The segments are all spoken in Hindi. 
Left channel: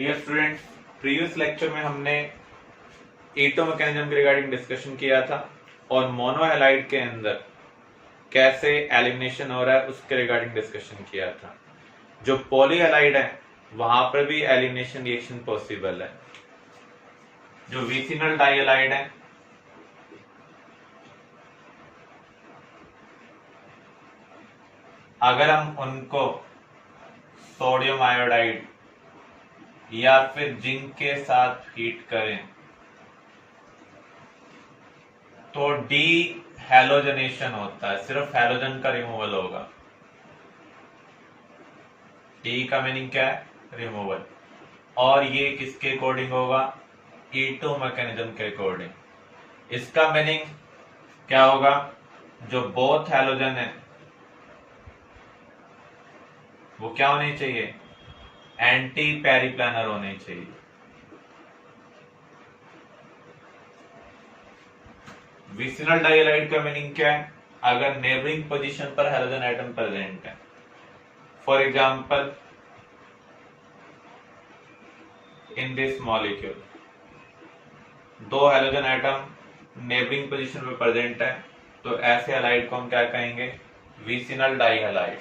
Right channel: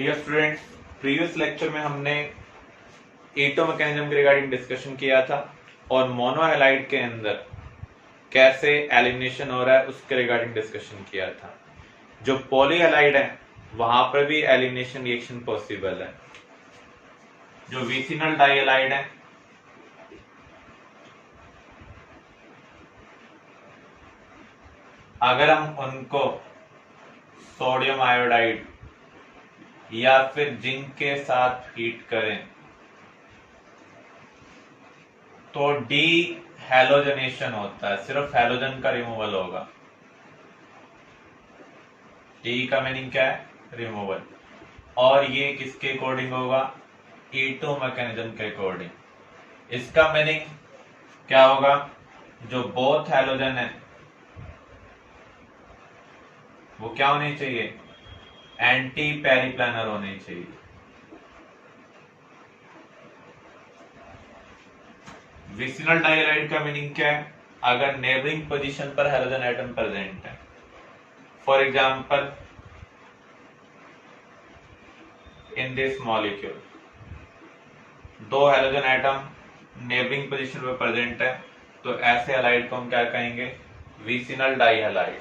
डियर स्टूडेंट्स, प्रीवियस लेक्चर में हमने ईटो मैकेनिज्म के रिगार्डिंग डिस्कशन किया था और मोनोहैलाइड के अंदर कैसे एलिमिनेशन हो रहा है उसके रिगार्डिंग डिस्कशन किया था। जो पॉलीहैलाइड है वहां पर भी एलिमिनेशन रिएक्शन पॉसिबल है। जो विसिनल डाइहैलाइड है अगर हम उनको सोडियम आयोडाइड या फिर जिंक के साथ हीट करें तो डी हैलोजनेशन होता है, सिर्फ हैलोजन का रिमूवल होगा। डी का मीनिंग क्या है? रिमूवल। और ये किसके अकॉर्डिंग होगा? ईटो मैकेनिज्म के अकॉर्डिंग। इसका मीनिंग क्या होगा? जो बोथ हैलोजन है वो क्या होनी चाहिए? एंटी पेरिप्लानर होनी चाहिए। विसिनल डाइहैलाइड का मीनिंग क्या है? अगर नेबरिंग पोजीशन पर हैलोजन एटम प्रेजेंट है, for example in this molecule दो हैलोजन एटम नेबरिंग पोजीशन पर प्रेजेंट है, तो ऐसे हैलाइड को हम क्या कहेंगे? विसिनल डाइहैलाइड।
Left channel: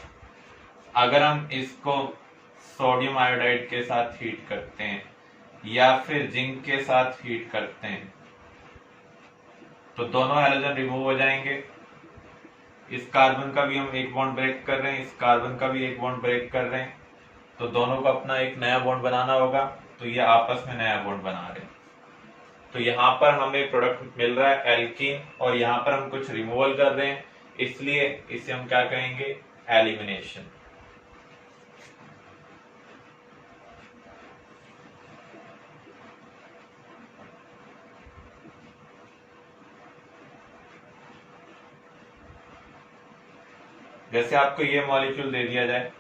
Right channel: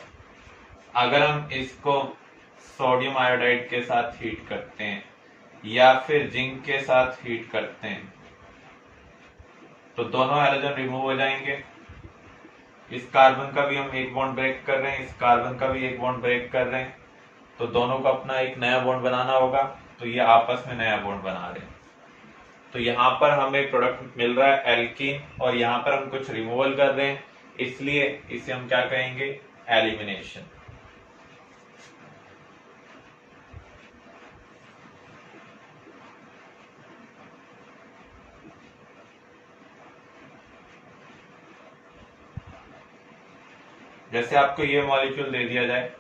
अगर हम इसको सोडियम आयोडाइड के साथ हीट करते हैं या फिर जिंक के साथ हीट करते हैं तो दोनों हैलोजन रिमूव हो जाएंगे। इस कार्बन का भी हम एक बॉन्ड ब्रेक कर रहे हैं, इस कार्बन का भी एक बॉन्ड ब्रेक कर रहे हैं, तो दोनों को अपना एक नया बॉन्ड बनाना होगा, तो ये आपस में नया बॉन्ड बना रहे हैं। तो यहाँ पर हमें प्रोडक्ट मिल रहा है एल्कीन और यहाँ पर हम कुछ रिमूवल कर रहे हैं, इसलिए इसे हम क्या कहेंगे? एलिमिनेशन। जैसे आपको ये मॉलिक्यूल दे दिया जाए,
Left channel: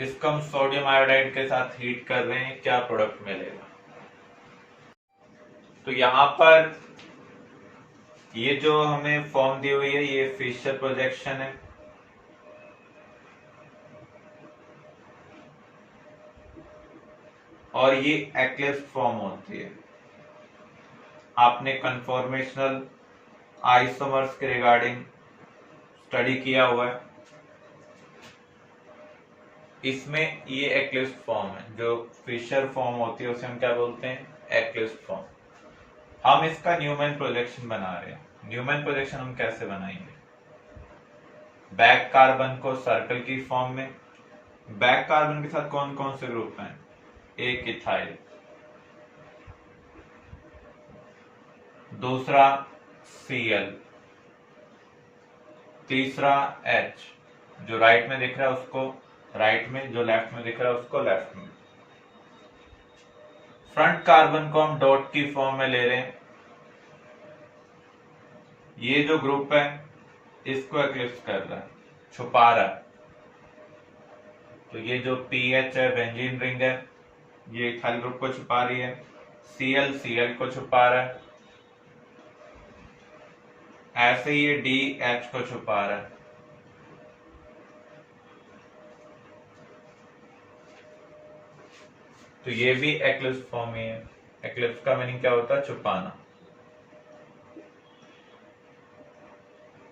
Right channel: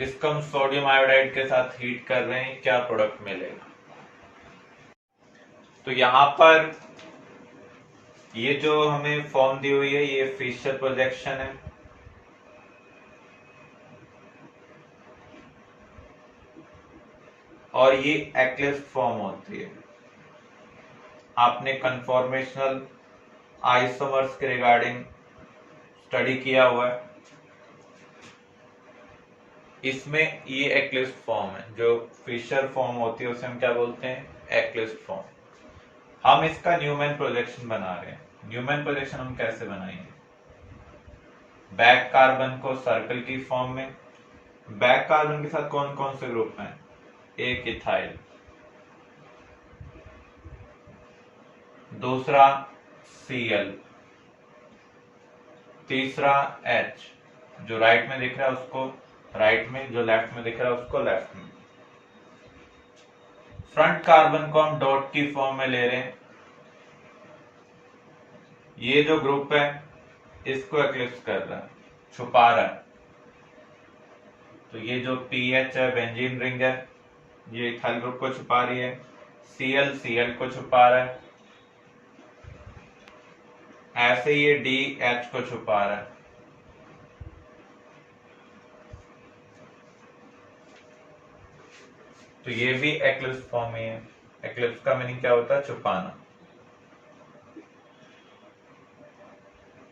इसको हम सोडियम आयोडाइड के साथ हीट कर रहे हैं, क्या प्रोडक्ट मिलेगा? तो यहां पर ये जो हमें फॉर्म दी हुई है ये फिशर प्रोजेक्शन है। और ये एक्लिप्स फॉर्म होती है। आपने कन्फॉर्मेशनल आइसोमर्स के रिगार्डिंग स्टडी किया हुआ है, इसमें ये एक्लिप्स फॉर्म है। जो फिशर फॉर्म होती है उसे हम क्या बोलते हैं? Eclipse form. हम इसका न्यूमैन प्रोजेक्शन बना रहे हैं। न्यूमैन प्रोजेक्शन हम कैसे बनाएंगे? बैक कार्बन को सर्कल की फॉर्म में, बैक कार्बन के साथ कौन कौन से ग्रुप हैं? एक इथाइल, दूसरा Cl, तीसरा H, जो राइट में दिख रहा है उसको राइट में, जो लेफ्ट में दिख रहा है उसको लेफ्ट में। फ्रंट कार्बन को हम डॉट की फॉर्म में ले रहे हैं। ये जो ग्रुप है इसको एक्लिप्स कर रहा है, छुपा रहा है। तो ये जो PH है, बेंजीन रिंग है, ये इथाइल ग्रुप को छुपा रही है। Cl को छुपा रहा है। ऐसे ये DH को छुपा रहा है। तो ये भी एक्लिप्स फॉर्म ही है। एक्लिप्स का मीनिंग क्या होता है? छुपाना।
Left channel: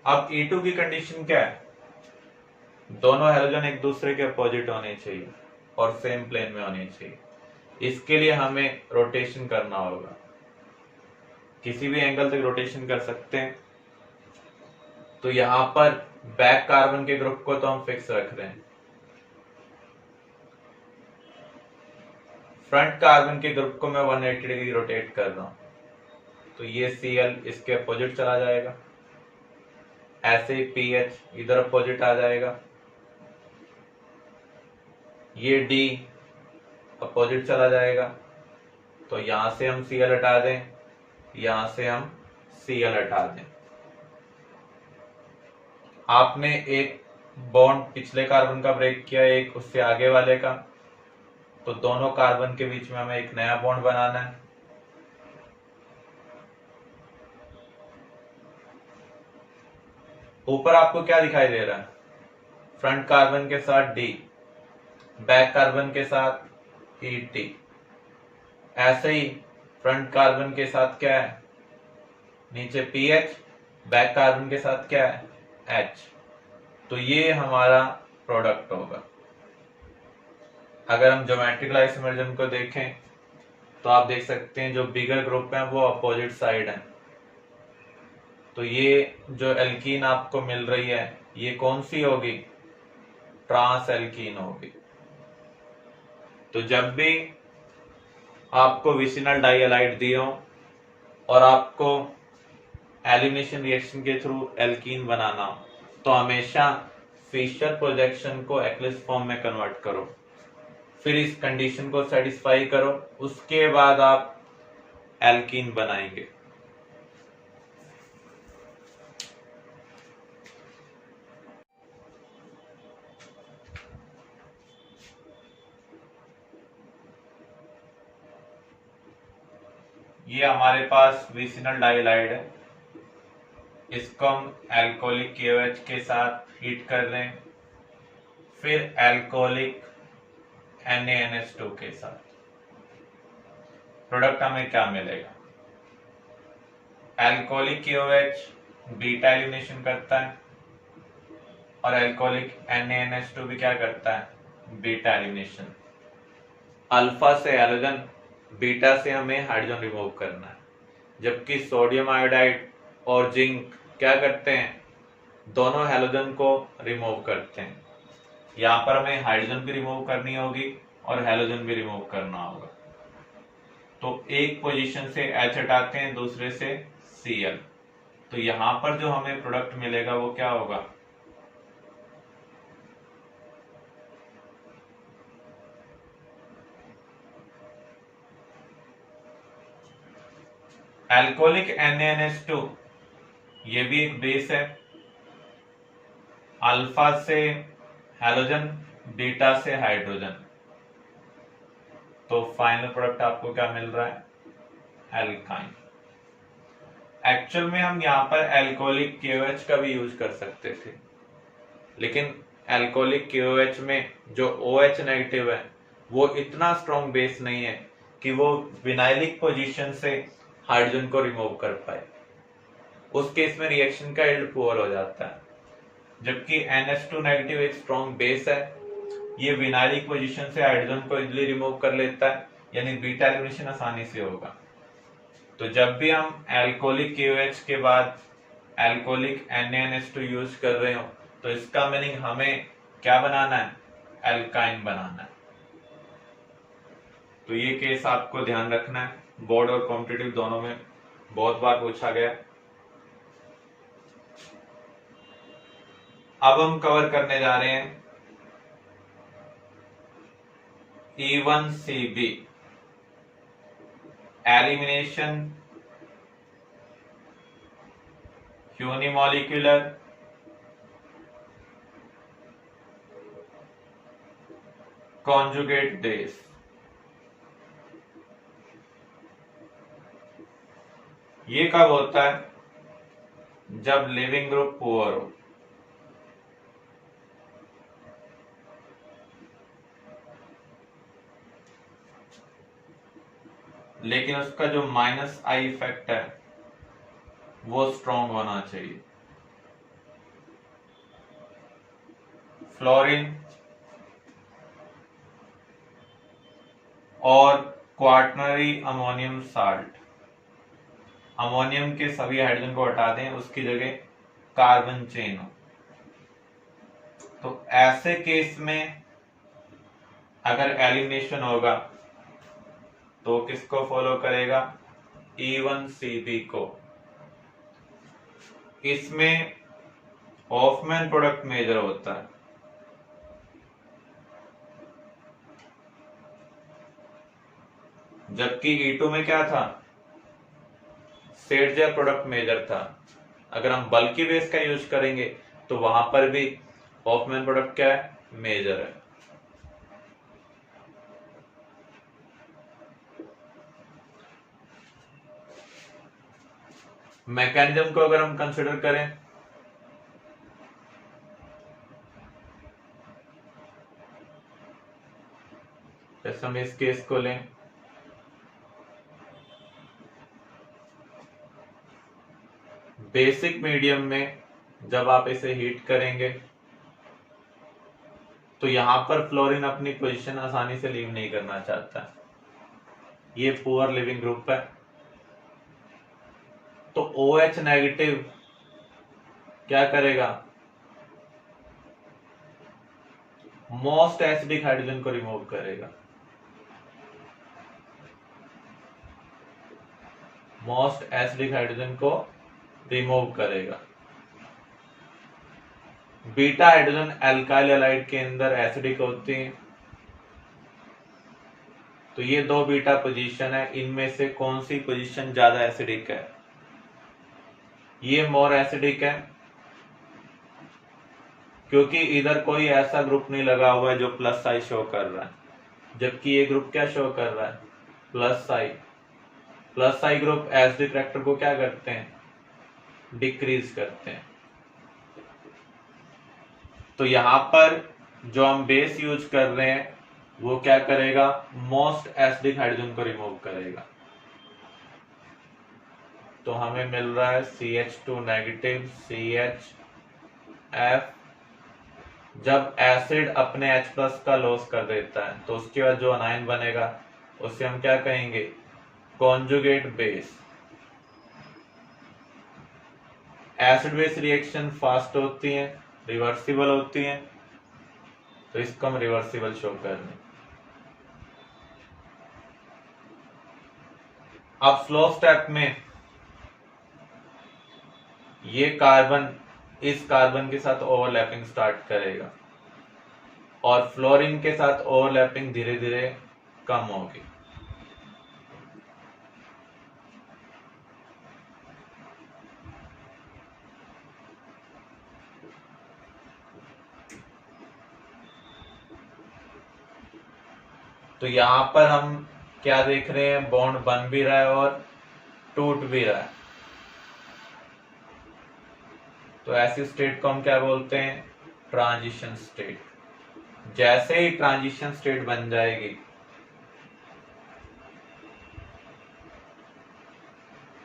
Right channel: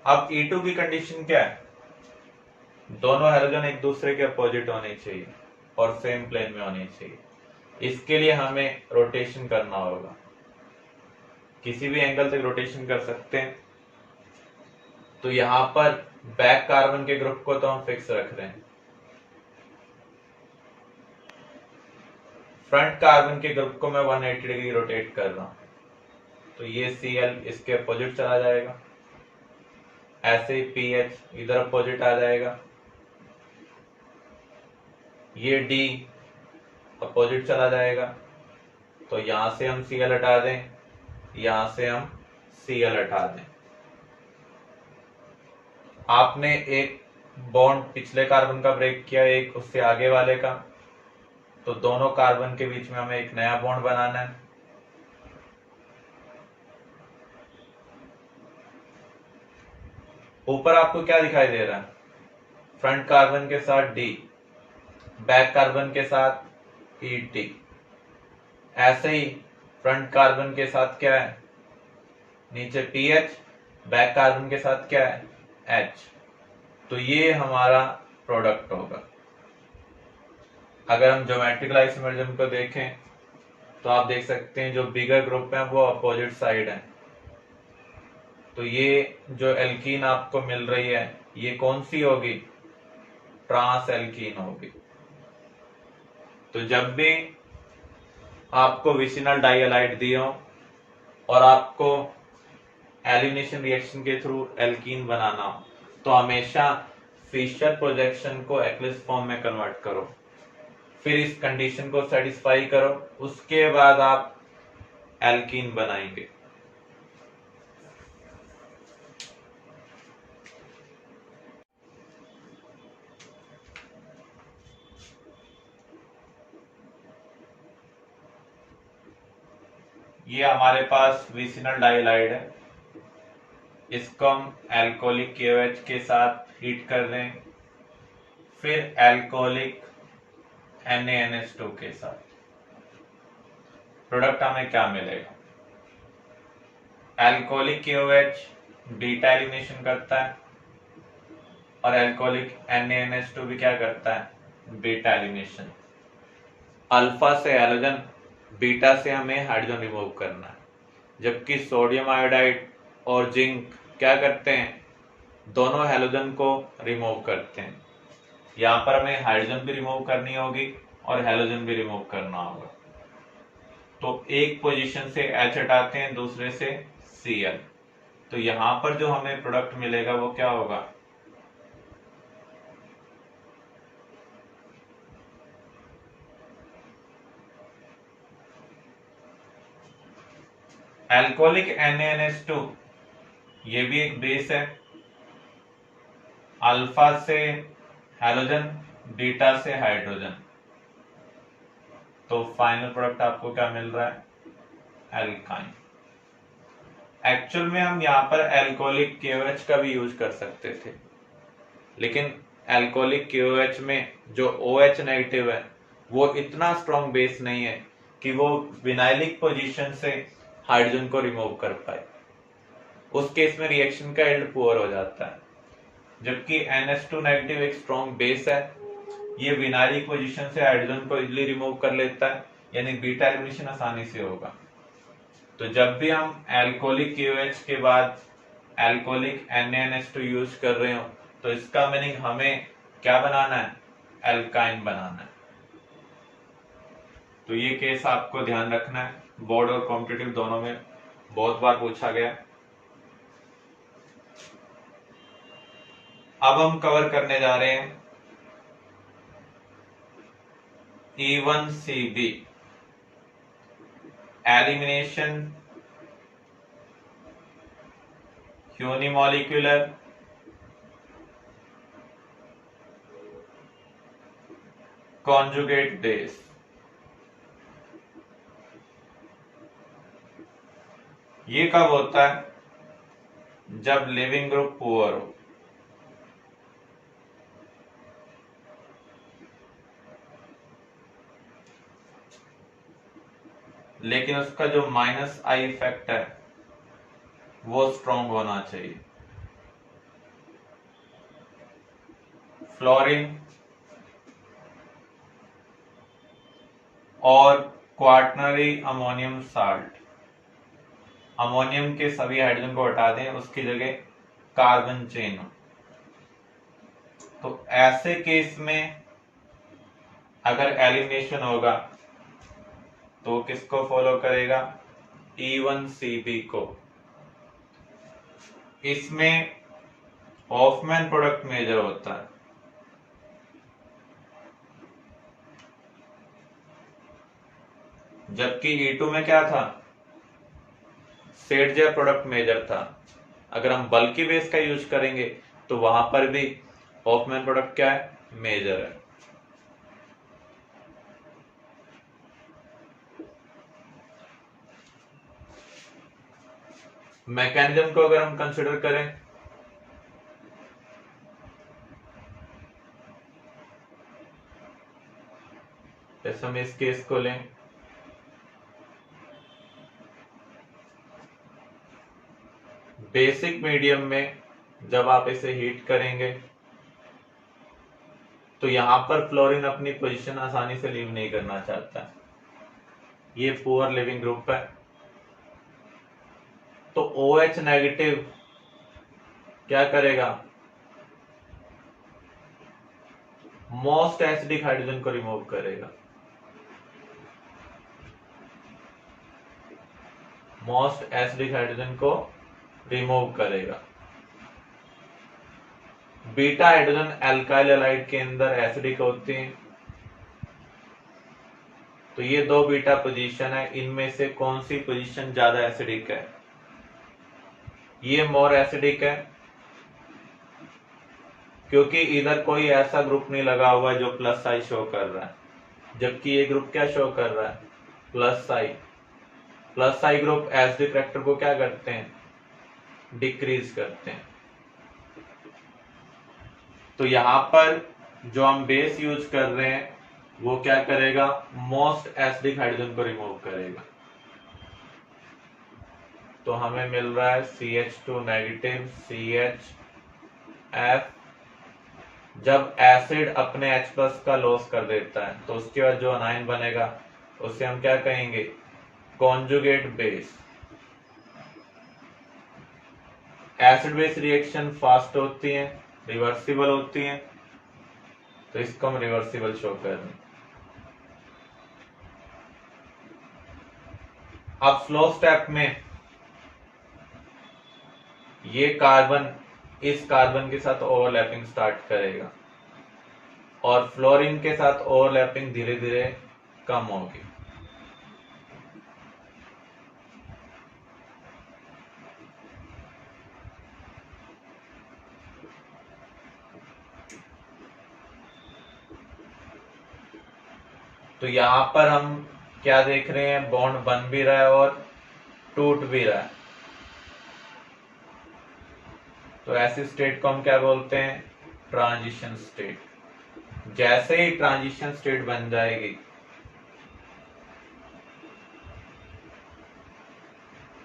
अब E2 की कंडीशन क्या है? दोनों हैलोजन एक दूसरे के अपोजिट होने चाहिए और सेम प्लेन में होने चाहिए। इसके लिए हमें रोटेशन करना होगा, किसी भी एंगल तक रोटेशन कर सकते हैं। तो यहां पर बैक कार्बन के ग्रुप को तो हम फिक्स रख रहे हैं, फ्रंट कार्बन के ग्रुप को मैं 180 डिग्री रोटेट कर रहा हूं, तो ये Cl इसके अपोजिट चला जाएगा। ऐसे ही PH इधर अपोजिट आ जाएगा, ये D अपोजिट चला जाएगा। तो यहां से हम Cl हटा दें, यहां से हम Cl हटा दें। आपने एक बॉन्ड पिछले कार्बन का ब्रेक किया, एक उससे आगे वाले का, तो दोनों कार्बन के बीच में हमें एक नया बॉन्ड बनाना है। ऊपर आपको क्या दिखाई दे रहा है? फ्रंट कार्बन के साथ D, बैक कार्बन के साथ ET, ऐसे ही फ्रंट कार्बन के साथ क्या है, नीचे PH, बैक कार्बन के साथ क्या है, H। तो ये हमारा प्रोडक्ट होगा। अगर हम ज्योमेट्रिकल आइसोमरिज्म को देखें तो आप देख सकते हैं जो बिगर ग्रुप है वो अपोजिट साइड है। तो ये जो एल्कीन आपको मिल रही है ये कौन सी होगी, ट्रांस एल्कीन होगी। तो जब भी आपको विसिनल डाइहैलाइड दिए हो और आपको एलिमिनेशन रिएक्शन के थ्रू एल्कीन बनाना हो तो हमेशा फिशर प्रोजेक्शन को एक्लिप्स फॉर्म में कन्वर्ट करो, फिर इस कंडीशन को सेटिस्फाई करो, उसके बाद आप एल्कीन बनाएंगे। ये हमारे पास विसिनल डाइहैलाइड है, इसको हम एल्कोहलिक KOH के साथ हीट कर रहे हैं, फिर एल्कोहलिक NaNH2 के साथ। प्रोडक्ट हमें क्या मिलेगा, एल्कोहलिक KOH बीटा एलिमिनेशन करता है और एल्कोहलिक NaNH2 भी क्या करता है, बीटा एलिमिनेशन। अल्फा से हैलोजन, बीटा से हमें हाइड्रोजन रिमूव करना है, जबकि सोडियम आयोडाइड और जिंक क्या करते हैं, दोनों हैलोजन को रिमूव करते हैं। यहाँ पर हमें हाइड्रोजन भी रिमूव करनी होगी और हैलोजन भी रिमूव करना होगा। तो एक पोजीशन से H हटाते हैं, दूसरे से Cl। तो यहाँ पर जो हमें प्रोडक्ट मिलेगा वो क्या होगा, एल्कोहलिक NaNH2, ये भी एक बेस है, अल्फा से हैलोजन, बीटा से हाइड्रोजन। तो फाइनल प्रोडक्ट आपको क्या मिल रहा है, एल्काइन। एक्चुअल में हम यहाँ पर एल्कोहलिक KOH का भी यूज कर सकते थे, लेकिन एल्कोहलिक KOH में जो OH नेगेटिव है वो इतना स्ट्रॉन्ग बेस नहीं है कि वो विनाइलिक पोजीशन से हाइड्रोजन को रिमूव कर पाए। उस केस में रिएक्शन का यील्ड पुअर हो जाता है, जबकि NH2 नेगेटिव एक स्ट्रॉन्ग बेस है, ये विनाइलिक पोजीशन से हाइड्रोजन को इजीली रिमूव कर लेता है, यानी बीटा एलिमिनेशन आसानी से होगा। तो जब भी हम एल्कोहलिक KOH के बाद एल्कोहलिक NaNH2 यूज कर रहे हो तो इसका मीनिंग हमें क्या बनाना है, एल्काइन बनाना है। तो ये केस आपको ध्यान रखना है, बोर्ड और कॉम्पिटिटिव दोनों में बहुत बार पूछा गया। अब हम कवर करने जा रहे हैं E1CB, elimination unimolecular conjugate base. ये कब होता है, जब लिविंग ग्रुप पुअर हो। लेकिन उसका जो -I इफेक्ट है वो स्ट्रॉन्ग होना चाहिए। फ्लोरीन और क्वार्टनरी अमोनियम साल्ट, अमोनियम के सभी हाइड्रोजन को हटा दें, उसकी जगह कार्बन चेन हो। तो ऐसे केस में अगर एलिमिनेशन होगा तो किसको फॉलो करेगा, E1CB को। इसमें हॉफमैन प्रोडक्ट मेजर होता है, जबकि E2 में क्या था, सेडजे प्रोडक्ट मेजर था। अगर हम बल्कि बेस का यूज करेंगे तो वहां पर भी हॉफमैन प्रोडक्ट क्या है, मेजर है। मैकेनिज्म को अगर हम कंसिडर करें जैसे हम इस केस को लें, बेसिक मीडियम में जब आप इसे हीट करेंगे तो यहां पर फ्लोरीन अपनी पोजीशन आसानी से लीव नहीं करना चाहता। ये पुअर लिविंग ग्रुप है, तो OH नेगेटिव क्या करेगा, मोस्ट एसिडिक हाइड्रोजन को रिमूव करेगा। मोस्ट एसिडिक हाइड्रोजन को रिमूव करेगा। बीटा हाइड्रोजन एल्काइल हैलाइड के अंदर एसिडिक होती हैं, तो ये दो बीटा पोजीशन है, इनमें से कौन सी पोजीशन ज्यादा एसिडिक है, ये मोर एसिडिक है, क्योंकि इधर कोई ऐसा ग्रुप नहीं लगा हुआ है जो प्लस आई शो कर रहा है, जबकि ये ग्रुप क्या शो कर रहा है, प्लस आई। प्लस आई ग्रुप एसिडिक करेक्टर को क्या करते हैं, डिक्रीज करते हैं। तो यहां पर जो हम बेस यूज कर रहे हैं वो क्या करेगा, मोस्ट एसिडिक हाइड्रोजन को रिमूव करेगा। तो हमें मिल रहा है CH2 नेगेटिव CHF। जब एसिड अपने H प्लस का लॉस कर देता है तो उसके बाद जो अनायन बनेगा उसे हम क्या कहेंगे, conjugate base. Acid base reaction fast होती है, रिवर्सिबल होती हैं, तो इसको हम रिवर्सिबल शो कर रहे हैं। अब फ्लो स्टेप में ये कार्बन इस कार्बन के साथ ओवरलैपिंग स्टार्ट करेगा और फ्लोरीन के साथ ओवरलैपिंग धीरे धीरे कम होगी। तो यहां पर हम क्या देख रहे हैं, बॉन्ड बन भी रहा है और टूट भी रहा है। तो ऐसी स्टेट को हम क्या बोलते हैं, ट्रांजिशन स्टेट। जैसे ही ट्रांजिशन स्टेट बन जाएगी,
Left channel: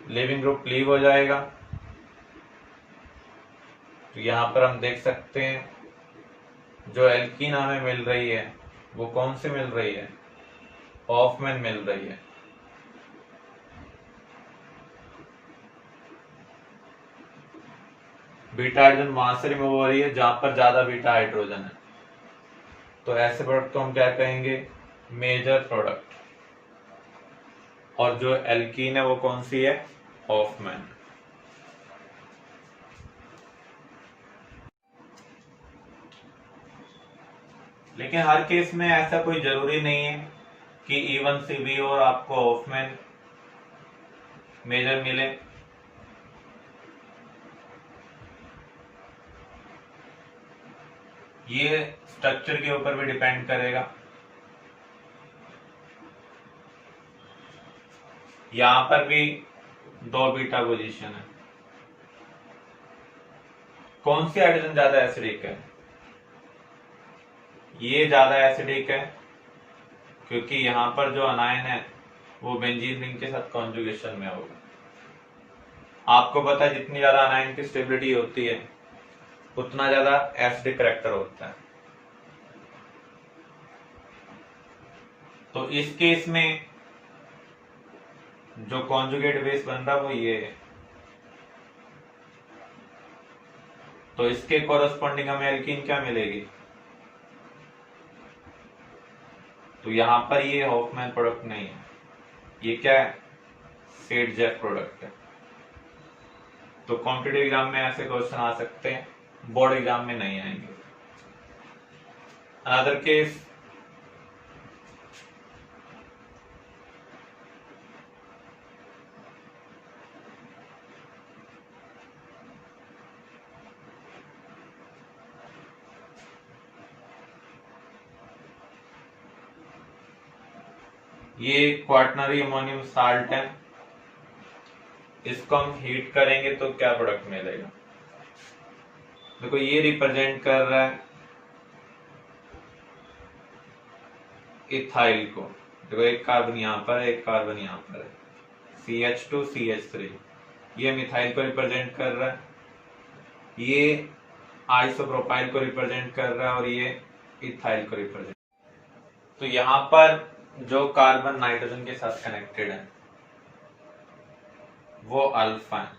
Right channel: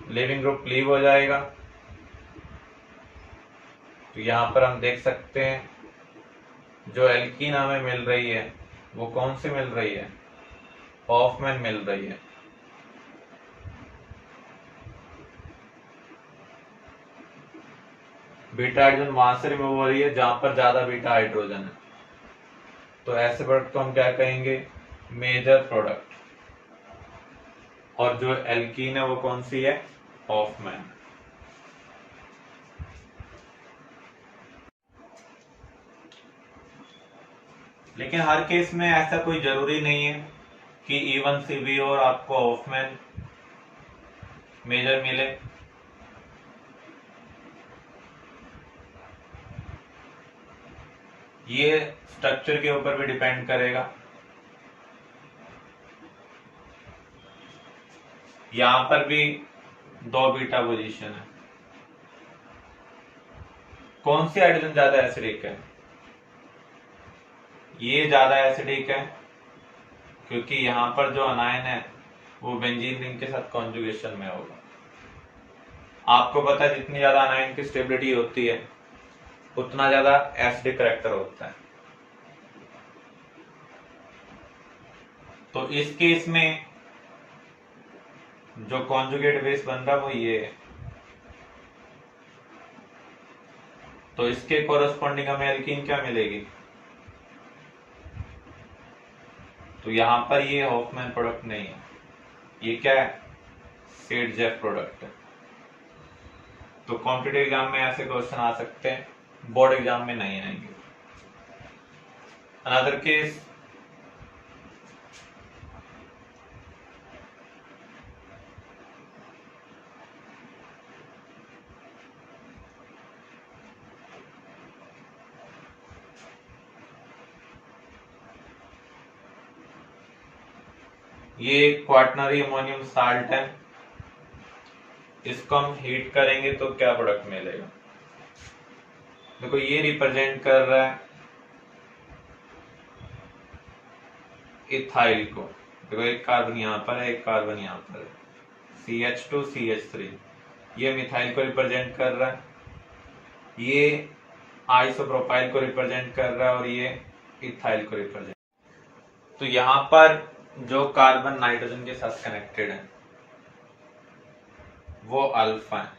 लिविंग ग्रुप लीव हो जाएगा। तो यहां पर हम देख सकते हैं जो एल्कीन हमें मिल रही है वो कौन सी मिल रही है, हॉफमैन मिल रही है। बीटा हाइड्रोजन वहां से रिमूव हो रही है जहां पर ज्यादा बीटा हाइड्रोजन है, तो ऐसे प्रोडक्ट को हम क्या कहेंगे, मेजर प्रोडक्ट। और जो एल्कीन है वो कौन सी है, हॉफमैन। लेकिन हर केस में ऐसा कोई जरूरी नहीं है कि E1CB और आपको हॉफमैन मेजर मिले। ये स्ट्रक्चर के ऊपर भी डिपेंड करेगा। यहां पर भी दो बीटा पोजीशन है। कौन सी हाइड्रोजन ज्यादा एसिडिक है, ये ज्यादा एसिडिक है क्योंकि यहां पर जो अनायन है वो बेंजीन रिंग के साथ कॉन्जुगेशन में होगा। आपको पता है जितनी ज्यादा अनायन की स्टेबिलिटी होती है उतना ज्यादा एसिडिक करैक्टर होता है। तो इस केस में जो कॉन्जुगेट बेस बन रहा है वो ये है, तो इसके कोरस्पॉन्डिंग हमें एल्कीन क्या मिलेगी, तो यहां पर ये हॉफमैन प्रोडक्ट नहीं है, ये क्या है, सेट-जेफ प्रोडक्ट है। तो कॉम्पिटिटिव एग्जाम में ऐसे क्वेश्चन आ सकते हैं, बोर्ड एग्जाम में नहीं आएंगे। अनदर केस, ये क्वाटनरी अमोनियम साल्ट है, इसको हम हीट करेंगे तो क्या प्रोडक्ट मिलेगा, देखो ये रिप्रेजेंट कर रहा है इथाइल को, देखो एक कार्बन यहाँ पर है, एक कार्बन यहाँ पर है, CH2 CH3, ये मिथाइल को रिप्रेजेंट कर रहा है, ये आइसोप्रोपाइल को रिप्रेजेंट कर रहा है और ये इथाइल को रिप्रेजेंट। तो यहाँ पर जो कार्बन नाइट्रोजन के साथ कनेक्टेड है वो अल्फा है,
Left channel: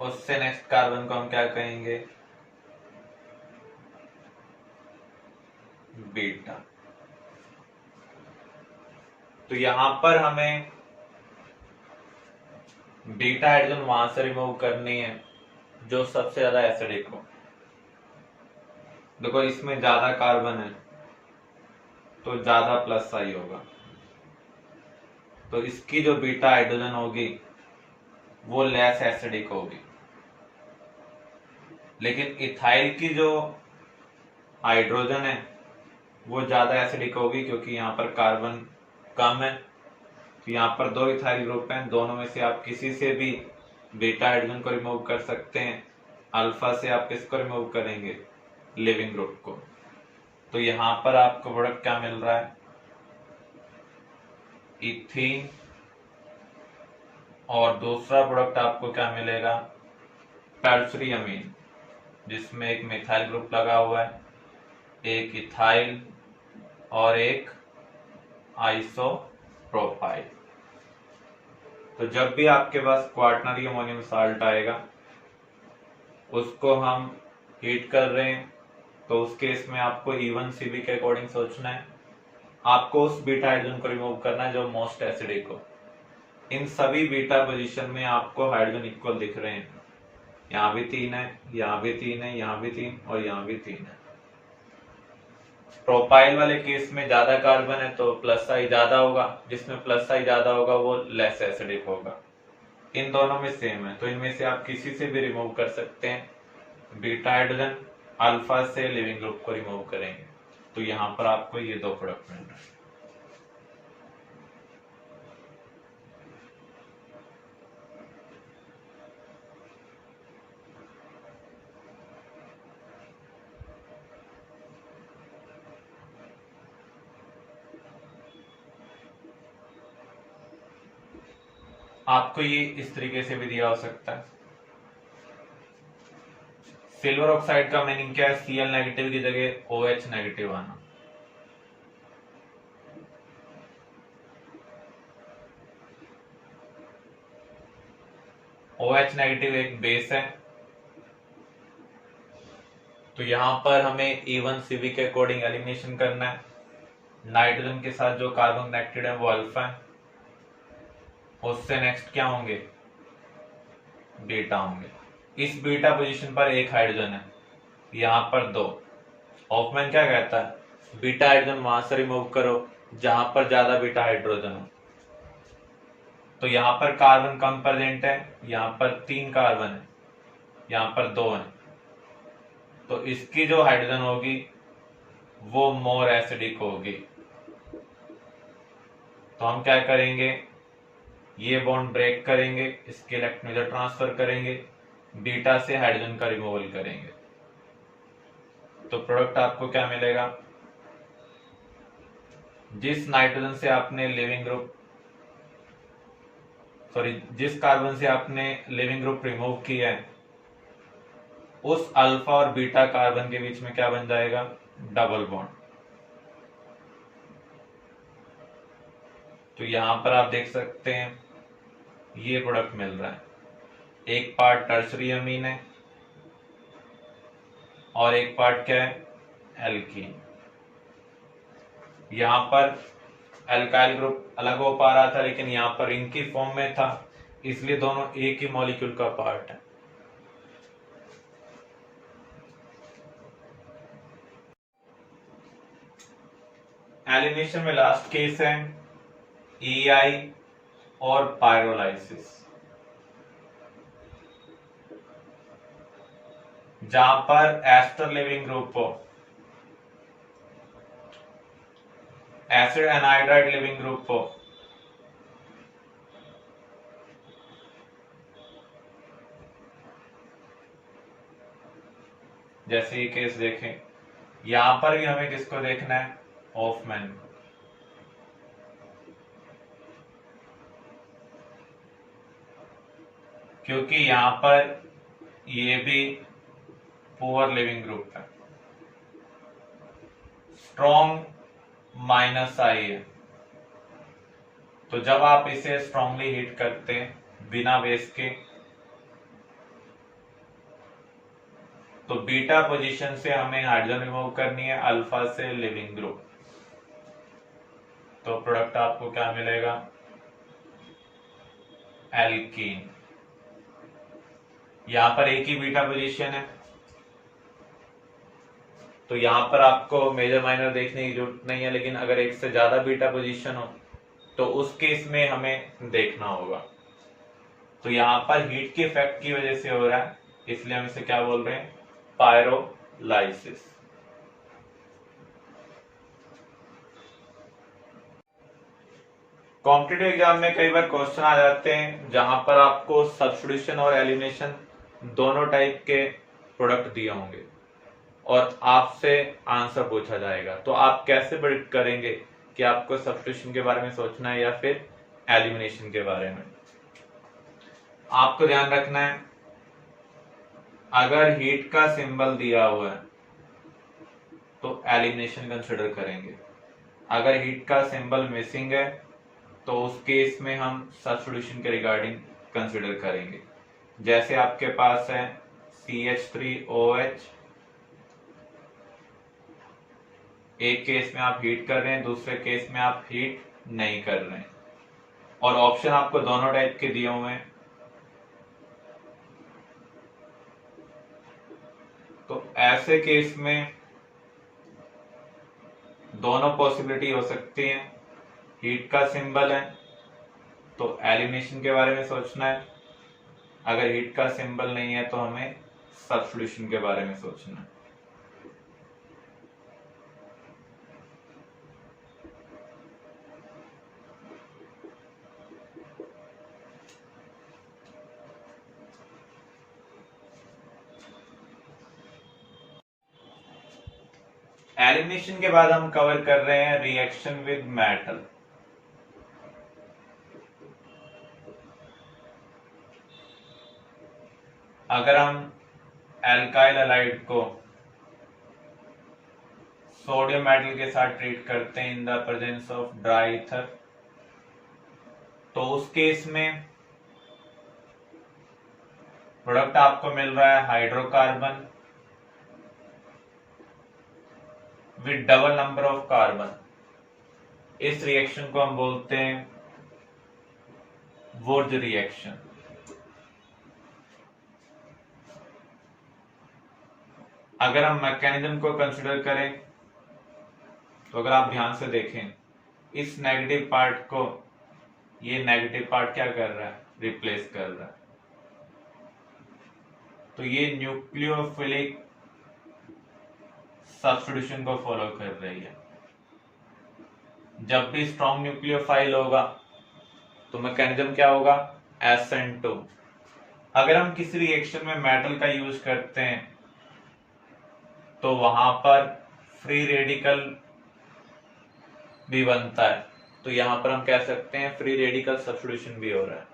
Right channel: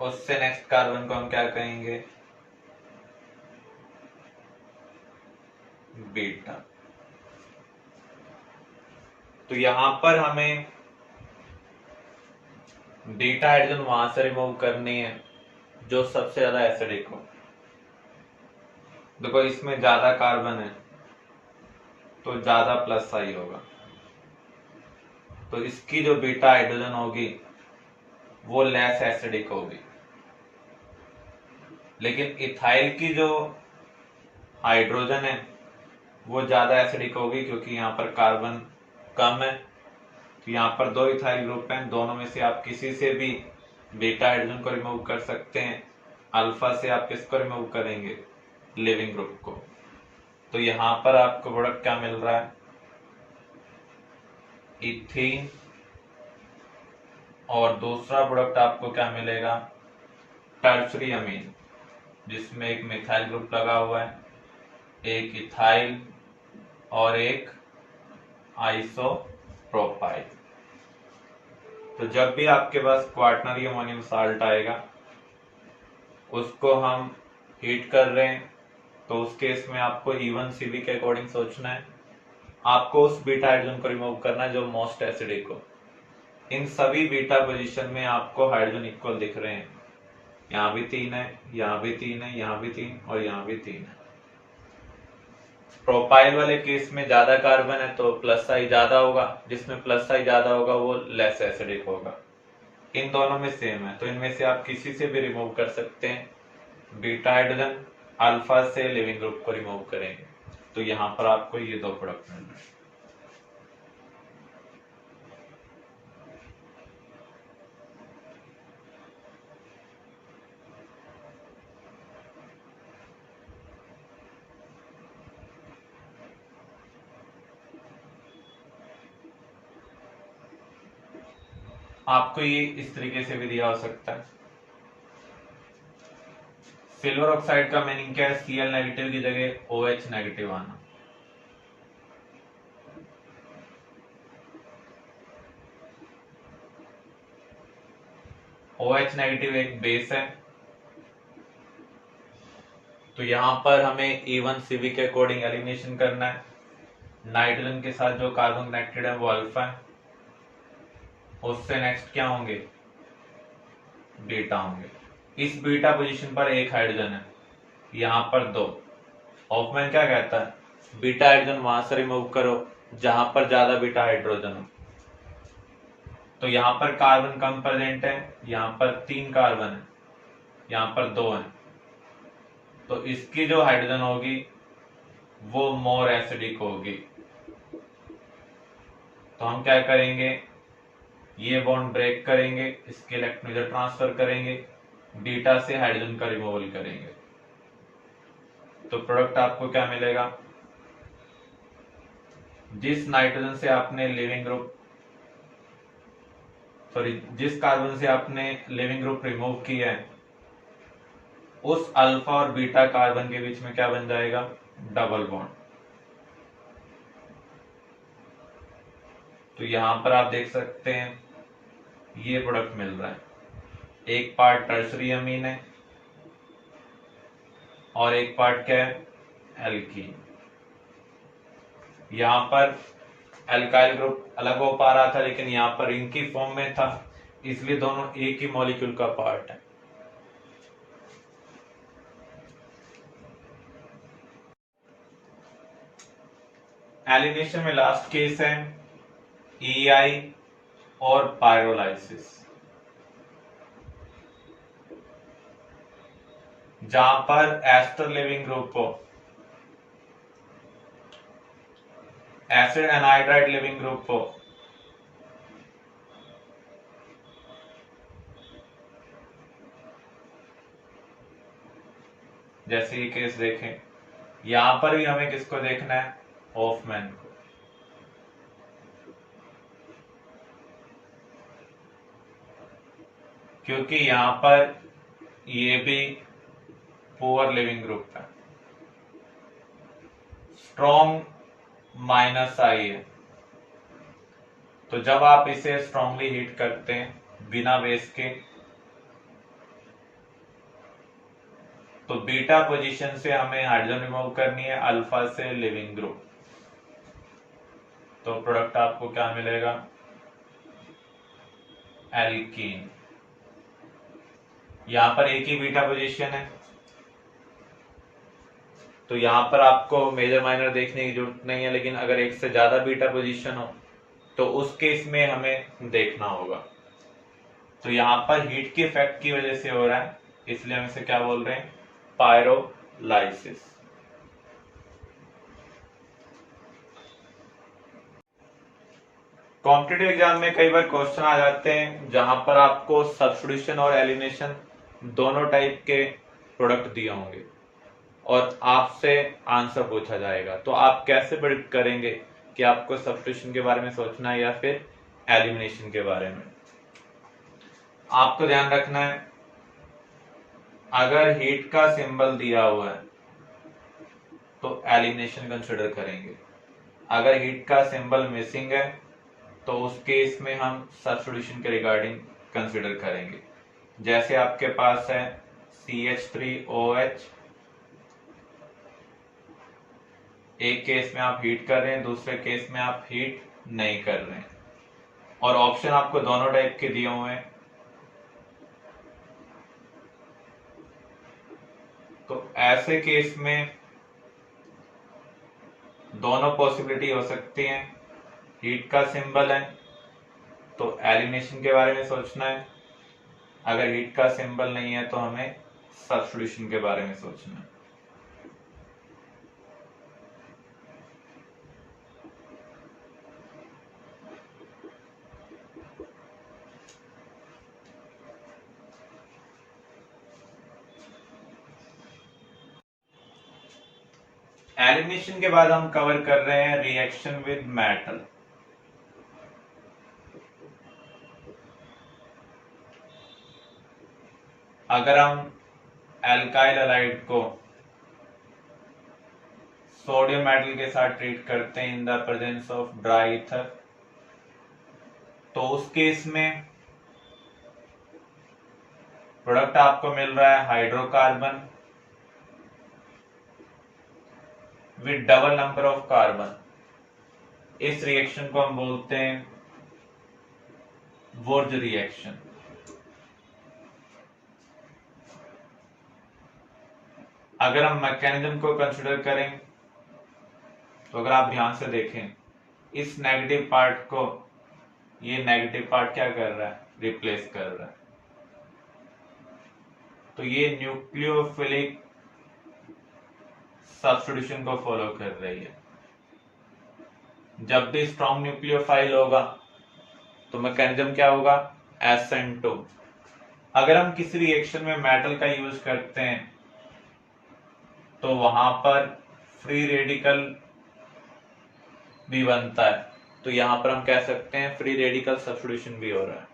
उससे नेक्स्ट कार्बन को हम क्या कहेंगे, बीटा। तो यहां पर हमें बीटा हाइड्रोजन वहां से रिमूव करनी है जो सबसे ज्यादा एसिडिक हो। देखो इसमें ज्यादा कार्बन है तो ज्यादा प्लस आई होगा, तो इसकी जो बीटा हाइड्रोजन होगी वो लेस एसिडिक होगी। लेकिन इथाइल की जो हाइड्रोजन है वो ज्यादा एसिडिक होगी क्योंकि यहाँ पर कार्बन कम है। तो यहाँ पर दो इथाइल ग्रुप हैं, दोनों में से आप किसी से भी बीटा हाइड्रोजन को रिमूव कर सकते हैं। अल्फा से आप किसको रिमूव करेंगे, लिविंग ग्रुप को। तो यहाँ पर आपको प्रोडक्ट क्या मिल रहा है, इथीन, और दूसरा प्रोडक्ट आपको क्या मिलेगा, टर्शरी अमीन, जिसमें एक मिथाइल ग्रुप लगा हुआ है, एक इथाइल और एक आइसोप्रोपाइल। तो जब भी आपके पास क्वार्टनरी अमोनियम साल्ट आएगा, उसको हम हीट कर रहे हैं, तो उस केस में आपको E1CB के अकॉर्डिंग सोचना है। आपको उस बीटा हाइड्रोजन को रिमूव करना है जो मोस्ट एसिडिक हो। इन सभी बीटा पोजीशन में आपको हाइड्रोजन इक्वल दिख रहे हैं, यहाँ भी 3 है, यहाँ भी 3 है, यहाँ भी 3 और यहाँ भी 3 है। प्रोपाइल वाले केस में ज्यादा कार्बन है तो प्लस आई ज्यादा होगा, जिसमें प्लस आई ज्यादा होगा वो लेस एसिडिक होगा। इन दोनों में सेम है, तो इनमें से आप किसी से भी रिमूव कर सकते हैं बीटा हाइड्रोजन। अल्फा से लिविंग ग्रुप को रिमूव करेंगे तो यहाँ पर आपको ये दो प्रोडक्ट मिल रहे हैं। आपको ये इस तरीके से भी दिया हो सकता है। सिल्वर ऑक्साइड का मीनिंग क्या है, Cl नेगेटिव की जगह OH नेगेटिव आना। OH नेगेटिव एक बेस है, तो यहां पर हमें E1CB के अकॉर्डिंग एलिमिनेशन करना है। नाइट्रोजन के साथ जो कार्बन कनेक्टेड है वो अल्फा है, उससे नेक्स्ट क्या होंगे, बीटा होंगे। इस बीटा पोजीशन पर एक हाइड्रोजन है, यहाँ पर दो। हॉफमैन क्या कहता है, बीटा हाइड्रोजन वहां से रिमूव करो जहां पर ज्यादा बीटा हाइड्रोजन हो। तो यहाँ पर कार्बन कम प्रेजेंट है, यहाँ पर 3 कार्बन है, यहाँ पर 2 है, तो इसकी जो हाइड्रोजन होगी वो मोर एसिडिक होगी। तो हम क्या करेंगे, ये बॉन्ड ब्रेक करेंगे, इसके इलेक्ट्रॉन इधर ट्रांसफर करेंगे, बीटा से हाइड्रोजन का रिमूवल करेंगे, तो प्रोडक्ट आपको क्या मिलेगा, जिस नाइट्रोजन से आपने लिविंग ग्रुप जिस कार्बन से आपने लिविंग ग्रुप रिमूव किया है, उस अल्फा और बीटा कार्बन के बीच में क्या बन जाएगा, डबल बॉन्ड। तो यहां पर आप देख सकते हैं ये प्रोडक्ट मिल रहा है, एक पार्ट टर्शरी अमीन है और एक पार्ट क्या है, एल्कीन। यहां पर अल्काइल ग्रुप अलग हो पा रहा था, लेकिन यहाँ पर रिंग की फॉर्म में था, इसलिए दोनों एक ही मॉलिक्यूल का पार्ट है। एलिमिनेशन में लास्ट केस है EI और पायरोलाइसिस, जहां पर एस्टर लिविंग ग्रुप हो, एसिड एनहाइड्राइड लिविंग ग्रुप हो, जैसे ये केस देखें। यहां पर भी हमें किसको देखना है, हॉफमैन को, क्योंकि यहां पर ये भी पुअर लिविंग ग्रुप है, स्ट्रॉन्ग -I है। तो जब आप इसे स्ट्रांगली हीट करते हैं बिना बेस के, तो बीटा पोजीशन से हमें हाइड्रोजन रिमूव करनी है, अल्फा से लिविंग ग्रुप। तो प्रोडक्ट आपको क्या मिलेगा, एल्कीन। यहां पर एक ही बीटा पोजीशन है, तो यहां पर आपको मेजर माइनर देखने की जरूरत नहीं है, लेकिन अगर एक से ज्यादा बीटा पोजीशन हो तो उस केस में हमें देखना होगा। तो यहां पर हीट के इफेक्ट की वजह से हो रहा है, इसलिए हम इसे क्या बोल रहे हैं, पायरोलाइसिस। कॉम्पिटिटिव एग्जाम में कई बार क्वेश्चन आ जाते हैं जहां पर आपको सब्स्टिट्यूशन और एलिमिनेशन दोनों टाइप के प्रोडक्ट दिए होंगे और आपसे आंसर पूछा जाएगा। तो आप कैसे प्रेडिक्ट करेंगे कि आपको सब्स्टिट्यूशन के बारे में सोचना है या फिर एलिमिनेशन के बारे में? आपको ध्यान रखना है, अगर हीट का सिंबल दिया हुआ है तो एलिमिनेशन कंसिडर करेंगे, अगर हीट का सिंबल मिसिंग है तो उस केस में हम सब्स्टिट्यूशन के रिगार्डिंग कंसिडर करेंगे। जैसे आपके पास है CH3OH, एक केस में आप हीट कर रहे हैं, दूसरे केस में आप हीट नहीं कर रहे हैं, और ऑप्शन आपको दोनों टाइप के दिए हुए हैं। तो ऐसे केस में दोनों पॉसिबिलिटी हो सकती हैं, हीट का सिंबल है तो एलिमिनेशन के बारे में सोचना है, अगर हीट का सिंबल नहीं है तो हमें सब्स्टिट्यूशन के बारे में सोचना है। एलिमिनेशन के बाद हम कवर कर रहे हैं रिएक्शन विद मेटल। अगर हम एल्काइल हैलाइड को सोडियम मेटल के साथ ट्रीट करते हैं इन the presence of dry ether, तो उस केस में प्रोडक्ट आपको मिल रहा है hydrocarbon with double number of carbon. इस रिएक्शन को हम बोलते हैं वुर्ज रिएक्शन। अगर हम मैकेनिज्म को कंसिडर करें तो अगर आप ध्यान से देखें, इस नेगेटिव पार्ट को ये नेगेटिव पार्ट क्या कर रहा है, रिप्लेस कर रहा है। तो ये न्यूक्लियोफिलिक सब्स्टिट्यूशन को फॉलो कर रही है। जब भी स्ट्रॉन्ग न्यूक्लियोफाइल होगा तो मैकेनिज्म क्या होगा, SN2। अगर हम किसी रिएक्शन में मेटल का यूज करते हैं तो वहां पर फ्री रेडिकल भी बनता है, तो यहां पर हम कह सकते हैं फ्री रेडिकल सब्स्टिट्यूशन भी हो रहा है।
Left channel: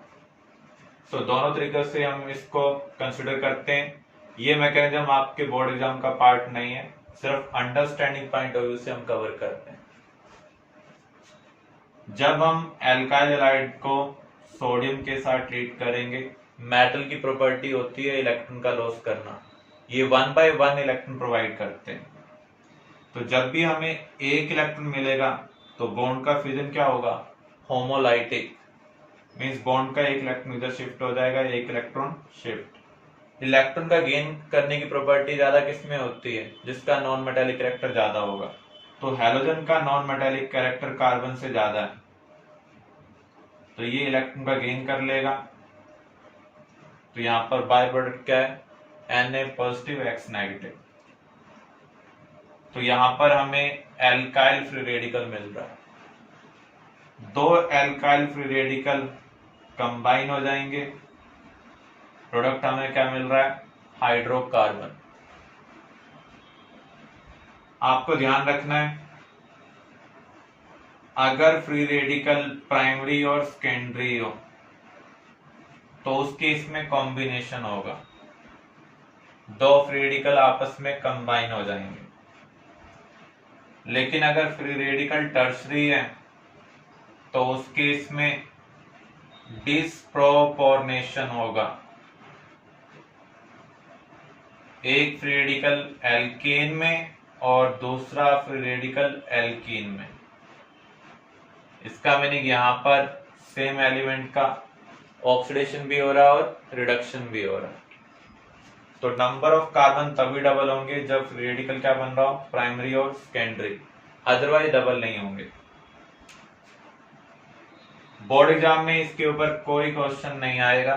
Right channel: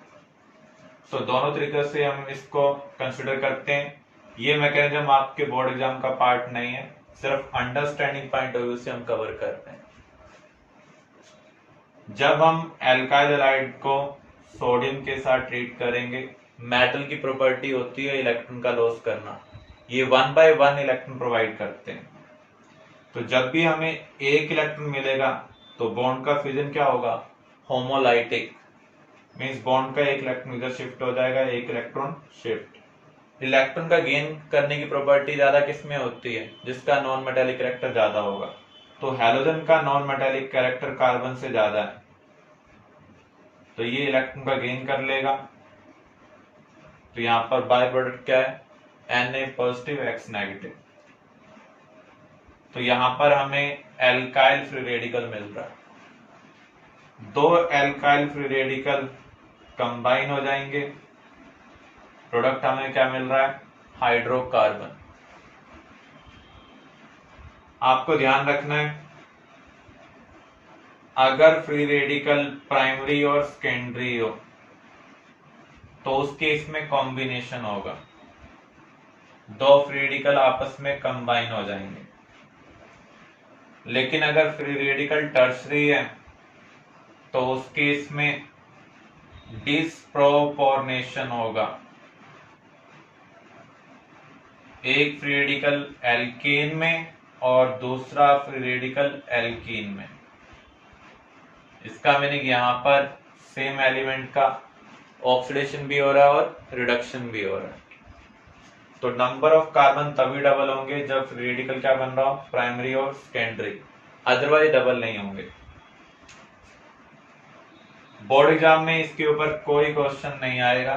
तो दोनों तरीके से हम इसको कंसिडर करते हैं। ये मैकेनिज्म आपके बोर्ड एग्जाम का पार्ट नहीं है, सिर्फ अंडरस्टैंडिंग पॉइंट ऑफ व्यू से हम कवर करते हैं। जब हम एल्काइल हैलाइड को सोडियम के साथ ट्रीट करेंगे, मेटल की प्रॉपर्टी होती है इलेक्ट्रॉन का लॉस करना, ये 1 by 1 इलेक्ट्रॉन प्रोवाइड करते हैं। तो जब भी हमें एक इलेक्ट्रॉन मिलेगा तो बॉन्ड का फिजन क्या होगा, होमोलाइटिक, मींस बॉन्ड का एक इलेक्ट्रॉन इधर शिफ्ट हो जाएगा, एक इलेक्ट्रॉन शिफ्ट। इलेक्ट्रॉन का गेन करने की प्रॉपर्टी ज्यादा किसमें होती है, जिसका नॉन मेटेलिक कैरेक्टर ज्यादा होगा। तो हैलोजन का नॉन मेटेलिक कैरेक्टर कार्बन से ज्यादा है, तो ये इलेक्ट्रॉन का गेन कर लेगा। तो यहां पर बाय प्रोडक्ट क्या है, Na पॉजिटिव X नेगेटिव। तो यहां पर हमें एल्काइल फ्री रेडिकल मिल रहा है, दो एल्काइल फ्री रेडिकल कंबाइन हो जाएंगे, प्रोडक्ट हमें क्या मिल रहा है, हाइड्रोकार्बन। आपको ध्यान रखना है, अगर फ्री रेडिकल प्राइमरी और सेकेंडरी हो तो उस केस में कॉम्बिनेशन होगा, दो फ्री रेडिकल आपस में कंबाइन हो जाएंगे। लेकिन अगर फ्री रेडिकल टर्शरी है तो उस केस में डिस्प्रोपोर्शनेशन होगा, एक फ्री रेडिकल एल्केन में और दूसरा फ्री रेडिकल एल्कीन में। इसका मीनिंग यहाँ पर सेम एलिमेंट का ऑक्सीडेशन भी हो रहा है और रिडक्शन भी हो रहा है। तो नंबर ऑफ कार्बन तभी डबल होंगे जब फ्री रेडिकल क्या बन रहा हो, प्राइमरी और सेकेंडरी, अदरवाइज डबल नहीं होंगे। बोर्ड एग्जाम में इसके ऊपर कोई क्वेश्चन नहीं आएगा,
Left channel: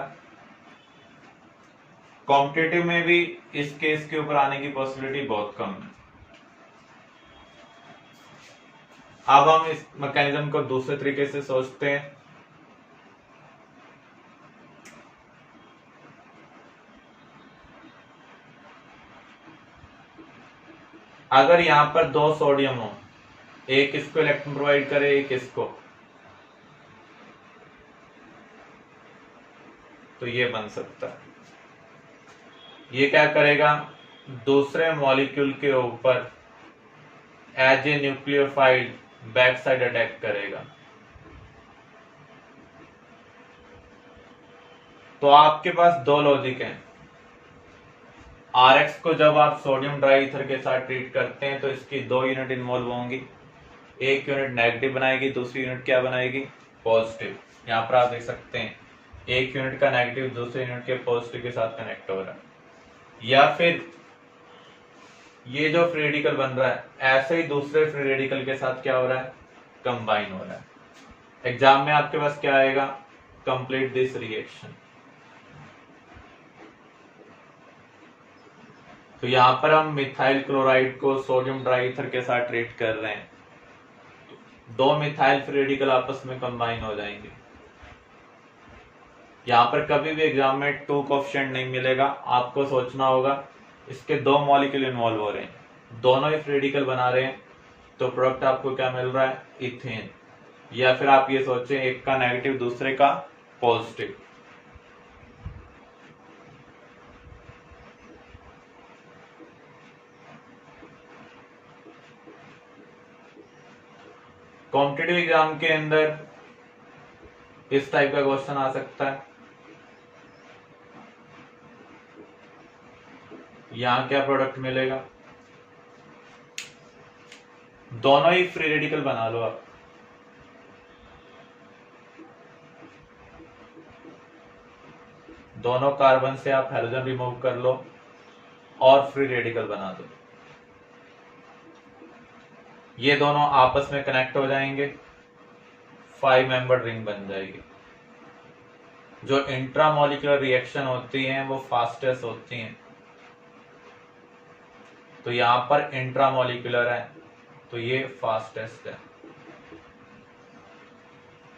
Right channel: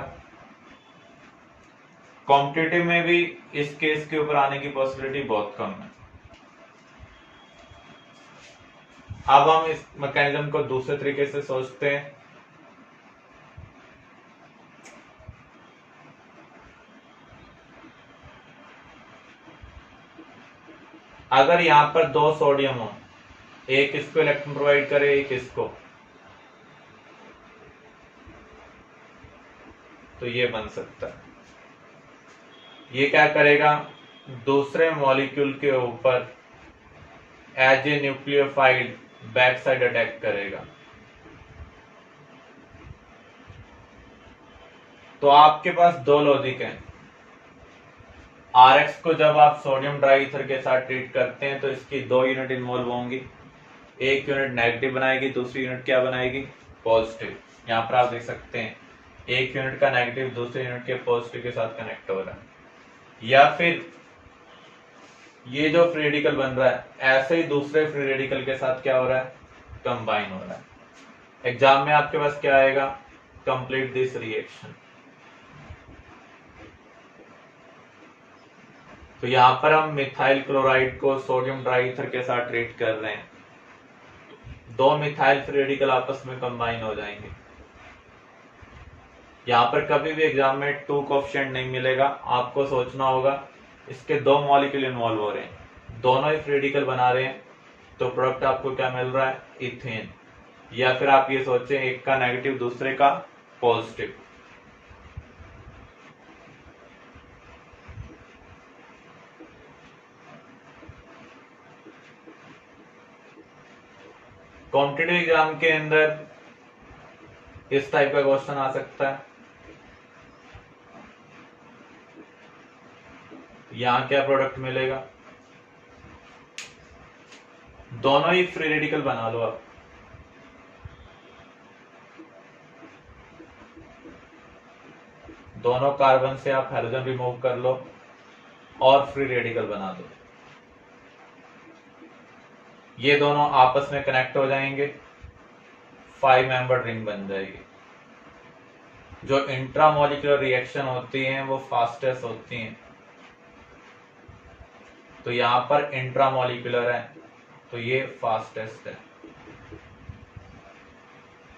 कॉम्पिटिटिव में भी इस केस के ऊपर आने की पॉसिबिलिटी बहुत कम है। अब हम इस मैकेनिज्म को दूसरे तरीके से सोचते हैं। अगर यहां पर दो सोडियम हो, एक इसको इलेक्ट्रॉन प्रोवाइड करे, एक इसको, तो ये बन सकता है। ये क्या करेगा, दूसरे मॉलिक्यूल के ऊपर as a nucleophile back side attack करेगा। तो आपके पास दो लॉजिक हैं। RX को जब आप सोडियम ड्राईईथर के साथ ट्रीट करते हैं तो इसकी दो यूनिट इन्वॉल्व होंगी, एक यूनिट नेगेटिव बनाएगी, दूसरी यूनिट क्या बनाएगी, पॉजिटिव। यहाँ पर आप देख सकते हैं एक यूनिट का नेगेटिव दूसरे यूनिट के पॉजिटिव के साथ कनेक्ट हो रहा है। या फिर ये जो फ्री रेडिकल बन रहा है ऐसे ही दूसरे फ्री रेडिकल के साथ क्या हो रहा है, कंबाइन हो रहा है। एग्जाम में आपके पास क्या आएगा, कंप्लीट दिस रिएक्शन। तो यहां पर हम मिथाइल क्लोराइड को सोडियम ड्राईईथर के साथ ट्रीट कर रहे हैं, दो मिथाइल फ्री रेडिकल आपस में कंबाइन हो जाएंगे। यहां पर कभी भी एग्जाम में टू कोएफिशिएंट नहीं मिलेगा, आपको सोचना होगा इसके दो मॉलिक्यूल इन्वॉल्व हो रहे हैं, दोनों ही फ्री रेडिकल बना रहे हैं, तो प्रोडक्ट आपको क्या मिल रहा है, इथेन। या फिर आप ये सोचें एक का नेगेटिव दूसरे का पॉजिटिव। कॉम्पिटिटिव एग्जाम के अंदर इस टाइप का क्वेश्चन आ सकता है। यहां क्या प्रोडक्ट मिलेगा, दोनों ही फ्री रेडिकल बना लो आप, दोनों कार्बन से आप हाइड्रोजन रिमूव कर लो और फ्री रेडिकल बना दो। ये दोनों आपस में कनेक्ट हो जाएंगे, 5 मेंबर रिंग बन जाएगी। जो इंट्रामोलिकुलर रिएक्शन होती हैं वो फास्टेस्ट होती हैं, तो यहां पर इंट्रामोलिकुलर है तो ये फास्टेस्ट है।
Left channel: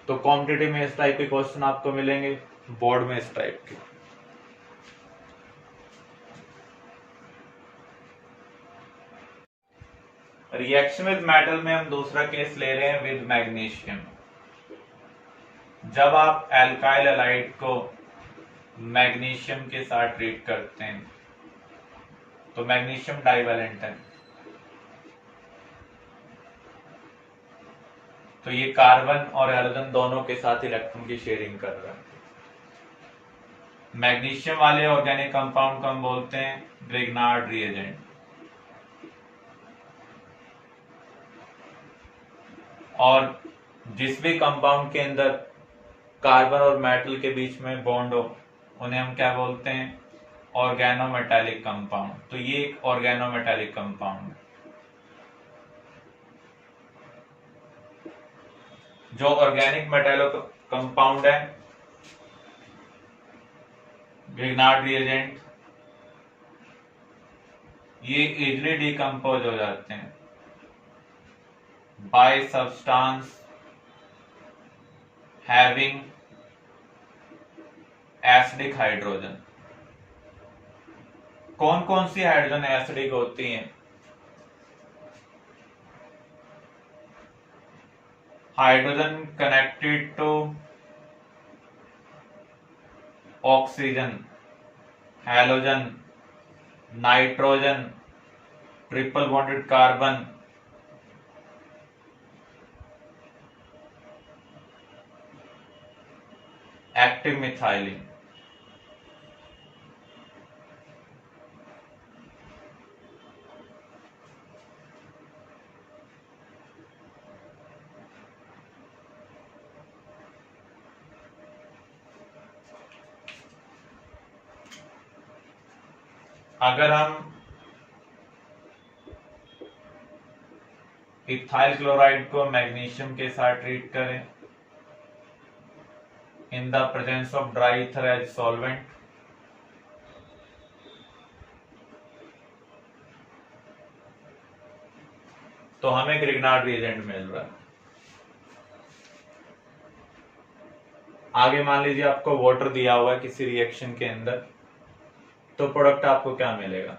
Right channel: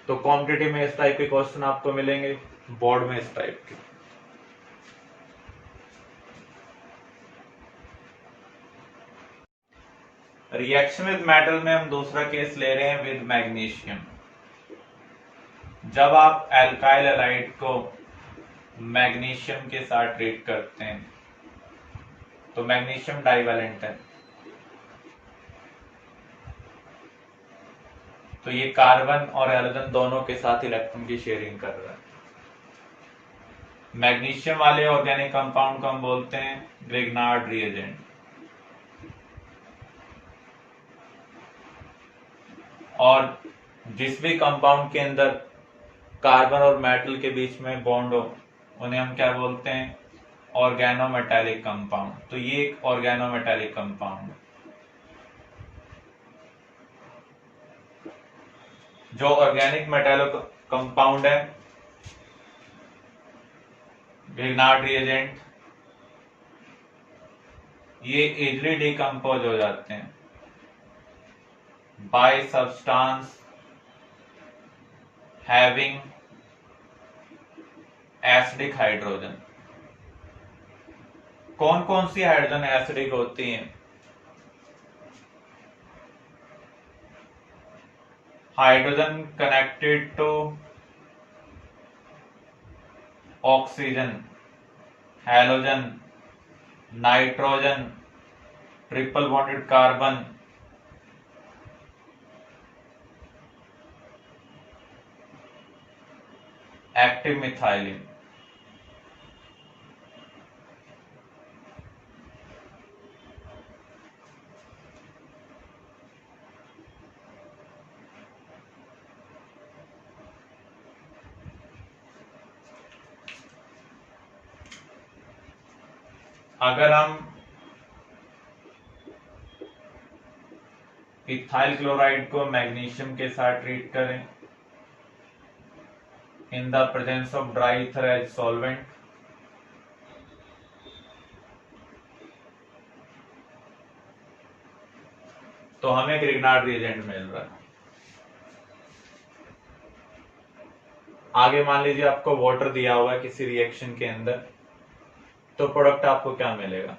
तो कॉम्पिटिटिव में इस टाइप के क्वेश्चन आपको मिलेंगे, बोर्ड में इस टाइप के। रिएक्शन विद मेटल में हम दूसरा केस ले रहे हैं विद मैग्नीशियम। जब आप एल्काइल हैलाइड को मैग्नीशियम के साथ ट्रीट करते हैं तो मैग्नीशियम डाइवैलेंट है, तो ये कार्बन और हाइड्रोजन दोनों के साथ इलेक्ट्रॉन की शेयरिंग कर रहा है। मैग्नीशियम वाले ऑर्गेनिक कंपाउंड को हम बोलते हैं ग्रिग्नार्ड रिएजेंट। और जिस भी कंपाउंड के अंदर कार्बन और मेटल के बीच में बॉन्ड हो उन्हें हम क्या बोलते हैं, ऑर्गेनोमेटालिक कंपाउंड। तो ये एक ऑर्गेनोमेटालिक कंपाउंड है। जो ऑर्गेनिक मेटालो कंपाउंड है ग्रिग्नार्ड रिएजेंट, ये इजीली डिकम्पोज हो जाते हैं by substance having acidic hydrogen. कौन कौन सी हाइड्रोजन एसिडिक होती हैं, hydrogen connected to oxygen, halogen, nitrogen, triple bonded carbon, active methylene. अगर हम इथाइल क्लोराइड को मैग्नीशियम के साथ ट्रीट करें in the presence of dry ether as solvent, तो हमें ग्रिग्नार्ड रिएजेंट मिल रहा है। आगे मान लीजिए आपको वाटर दिया हुआ है किसी रिएक्शन के अंदर, तो प्रोडक्ट आपको क्या मिलेगा?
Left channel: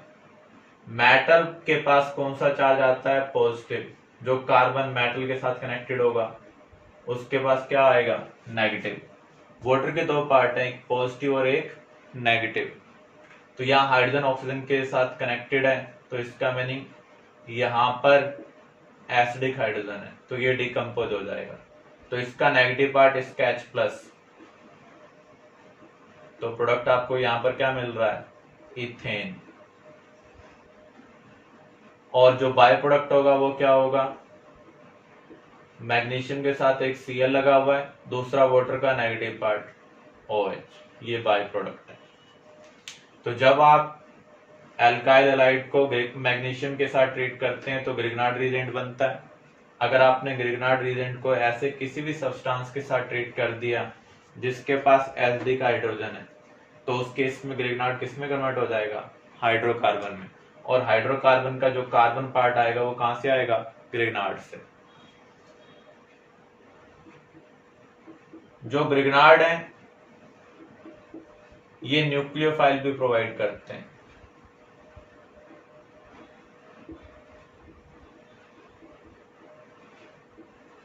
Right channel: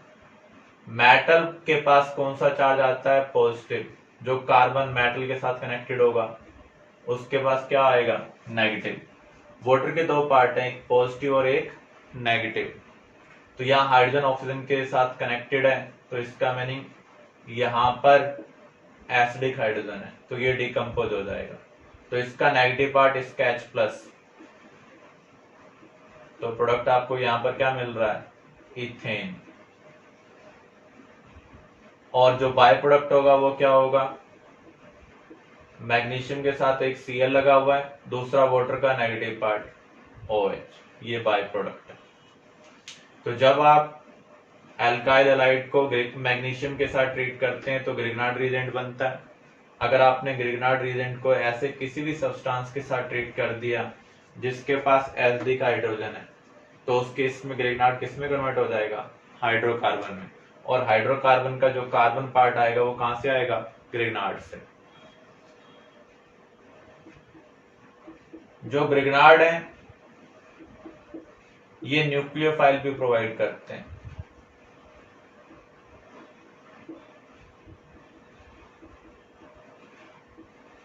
मेटल के पास कौन सा चार्ज आता है? पॉजिटिव। जो कार्बन मेटल के साथ कनेक्टेड होगा उसके पास क्या आएगा? नेगेटिव। वाटर के दो पार्ट हैं, एक पॉजिटिव और एक नेगेटिव। तो यहाँ हाइड्रोजन ऑक्सीजन के साथ कनेक्टेड है, तो इसका मीनिंग यहाँ पर एसिडिक हाइड्रोजन है, तो ये डिकम्पोज हो जाएगा। तो इसका नेगेटिव पार्ट इसका H प्लस, तो प्रोडक्ट आपको यहाँ पर क्या मिल रहा है? इथेन। और जो बाय प्रोडक्ट होगा वो क्या होगा? मैग्नीशियम के साथ एक Cl लगा हुआ है, दूसरा वाटर का नेगेटिव पार्ट OH, ये बाय प्रोडक्ट है। तो जब आप एल्काइल हैलाइड को मैग्नीशियम के साथ ट्रीट करते हैं तो ग्रिग्नार्ड रिएजेंट बनता है। अगर आपने ग्रिग्नार्ड रिएजेंट को ऐसे किसी भी सब्सटेंस के साथ ट्रीट कर दिया जिसके पास एसिडिक हाइड्रोजन है, तो उस केस में ग्रिग्नार्ड किस में कन्वर्ट हो जाएगा? हाइड्रोकार्बन में। और हाइड्रोकार्बन का जो कार्बन पार्ट आएगा वो कहां से आएगा? ग्रिग्नार्ड से। जो ग्रिग्नार्ड है ये न्यूक्लियोफाइल भी प्रोवाइड करते हैं।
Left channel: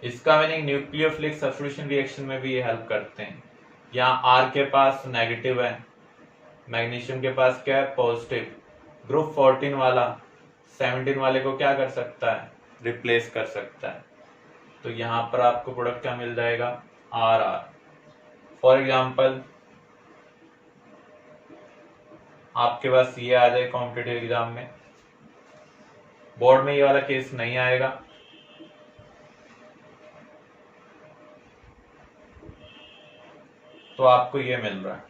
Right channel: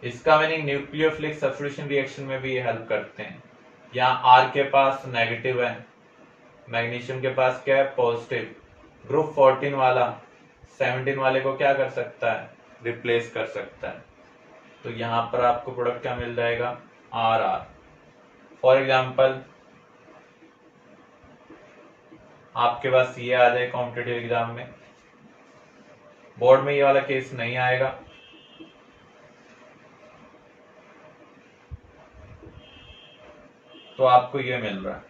इसका मीनिंग न्यूक्लियोफिलिक सब्स्टिट्यूशन रिएक्शन में भी ये हेल्प करते हैं। यहाँ R के पास नेगेटिव है, मैग्नीशियम के पास क्या है? पॉजिटिव। ग्रुप 14 वाला 17 वाले को क्या कर सकता है? रिप्लेस कर सकता है। तो यहाँ पर आपको प्रोडक्ट क्या मिल जाएगा? RR। फॉर एग्जाम्पल आपके पास ये आ जाए कॉम्पिटिटिव एग्जाम में, बोर्ड में ये वाला केस नहीं आएगा, तो आपको ये मिल रहा है।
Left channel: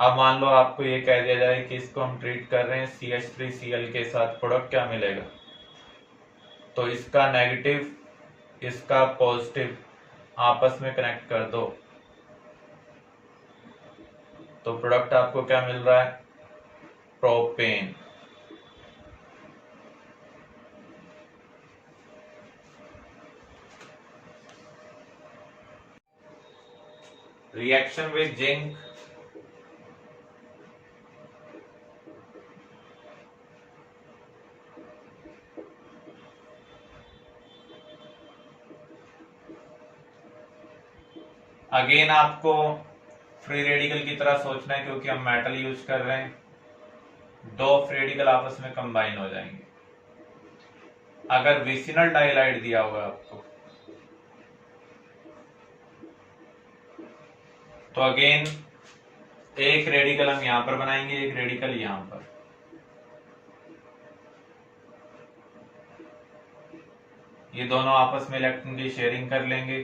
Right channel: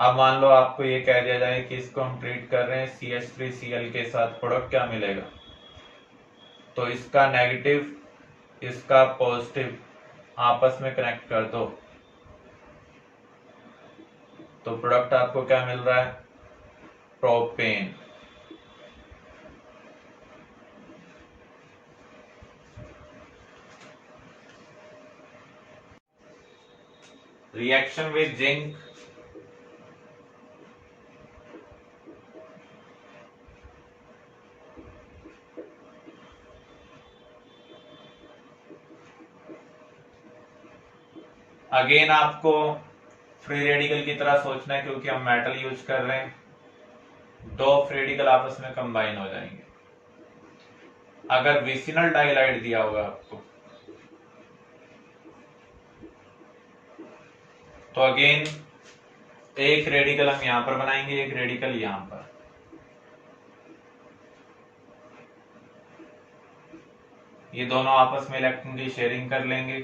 अब मान लो आपको ये कह दिया जाए कि इसको हम ट्रीट कर रहे हैं CH3Cl के साथ, प्रोडक्ट क्या मिलेगा? तो इसका नेगेटिव इसका पॉजिटिव आपस में कनेक्ट कर दो, तो प्रोडक्ट आपको क्या मिल रहा है? Propane. Reaction with zinc, again आपको फ्री रेडिकल की तरह सोचना है, क्योंकि हम मेटल यूज कर रहे हैं। दो फ्री रेडिकल आपस में कंबाइन हो जाएंगे। अगर विसिनल डाइलाइड दिया होगा आपको, तो अगेन एक रेडिकल हम यहां पर बनाएंगे, एक रेडिकल यहां पर। ये दोनों आपस में इलेक्ट्रॉन की शेयरिंग कर लेंगे,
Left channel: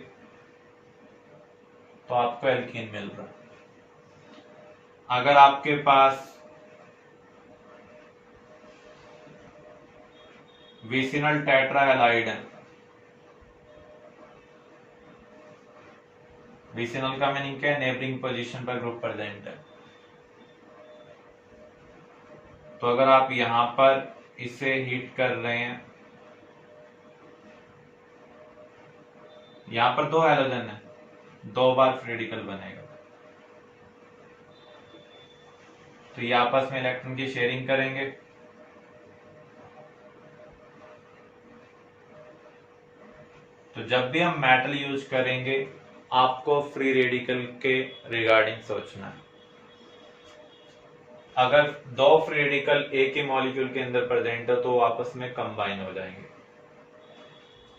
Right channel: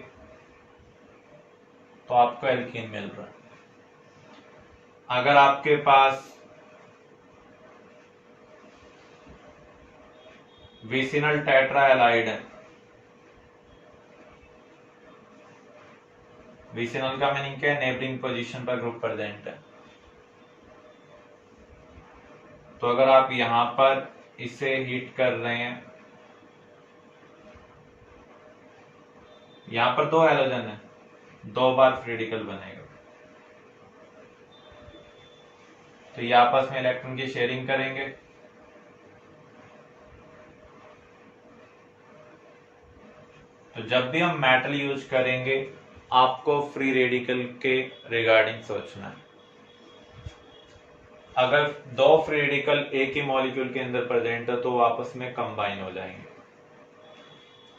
तो आपको एल्कीन मिल रहा है। अगर आपके पास विसिनल टेट्राहैलाइड है, विसिनल का मीनिंग क्या है? नेबरिंग पोजीशन पर ग्रुप प्रेजेंट है। तो अगर आप यहां पर इसे हीट कर रहे हैं, यहां पर दो हैलोजन है, दो बार फ्री रेडिकल बनेगा, तो ये आपस में इलेक्ट्रॉन की शेयरिंग करेंगे, तो जब भी हम मेटल यूज करेंगे आपको फ्री रेडिकल के रिगार्डिंग सोचना है। अगर दो फ्री रेडिकल एक ही मॉलिक्यूल के अंदर प्रेजेंट है तो वो आपस में कंबाइन हो जाएंगे।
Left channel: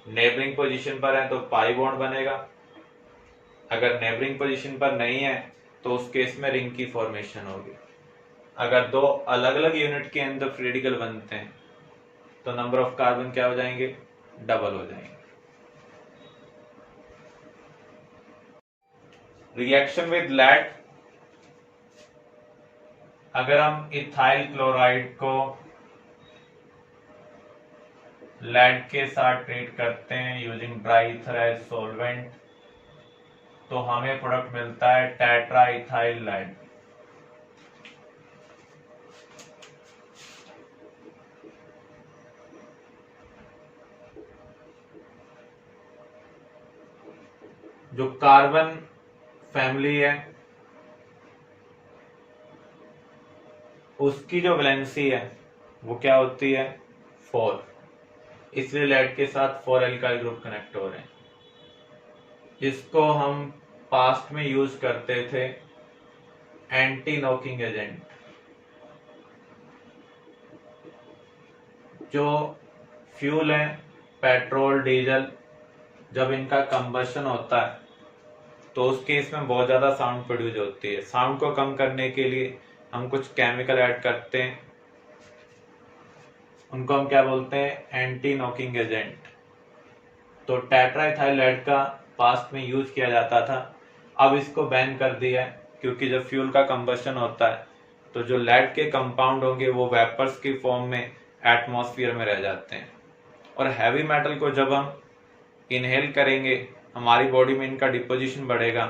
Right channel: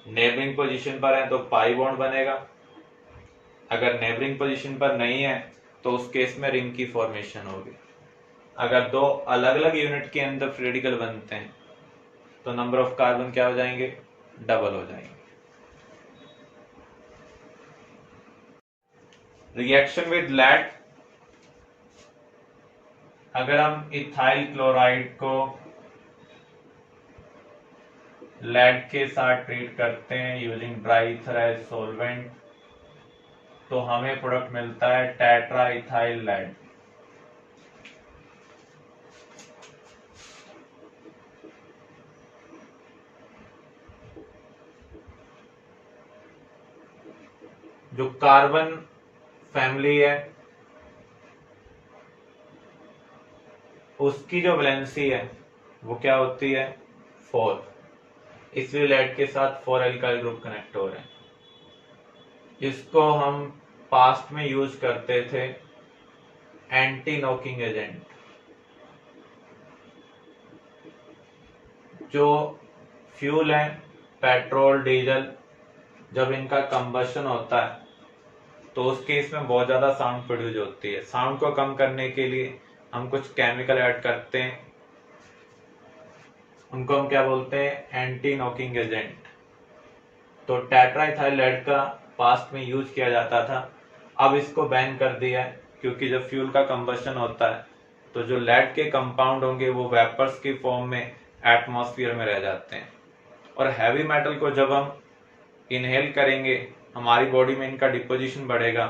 नेबरिंग पोजीशन पर है तो पाई बॉन्ड बनेगा, अगर नेबरिंग पोजीशन पर नहीं है तो उस केस में रिंग की फॉर्मेशन होगी। अगर दो अलग अलग यूनिट के अंदर फ्री रेडिकल बनते हैं तो नंबर ऑफ कार्बन क्या हो जाएंगे, डबल हो जाएंगे। रिएक्शन विद लेड, अगर हम इथाइल क्लोराइड को लेड के साथ ट्रीट करते हैं using dry ether as solvent तो हमें प्रोडक्ट मिलता है टेट्रा इथाइल लेड। जो कार्बन फैमिली है उसकी जो वैलेंसी है वो क्या होती है, 4, इसलिए लेड के साथ 4 एल्काइल ग्रुप कनेक्ट हो रहे हैं। इसको हम पास्ट में यूज करते थे एंटी नॉकिंग एजेंट। जो फ्यूल है पेट्रोल डीजल, जब इनका कंबशन होता है तो उस केस में बहुत ज्यादा साउंड प्रोड्यूस होती है। साउंड को कम करने के लिए हम कुछ केमिकल ऐड करते हैं, उनको हम क्या बोलते हैं, एंटी नॉकिंग एजेंट। तो टेट्राइथाइल लेड का पास्ट में यूज किया जाता था, अब इसको बैन कर दिया है क्योंकि जब फ्यूल का कंबशन होता है तो जो लेड के कंपाउंड होंगे वो वेपर्स की फॉर्म में एटमॉस्फेयर में रह जाते हैं और हैवी मेटल को जब हम इनहेल करेंगे हमारी बॉडी में इनका डिपोजिशन बढ़ेगा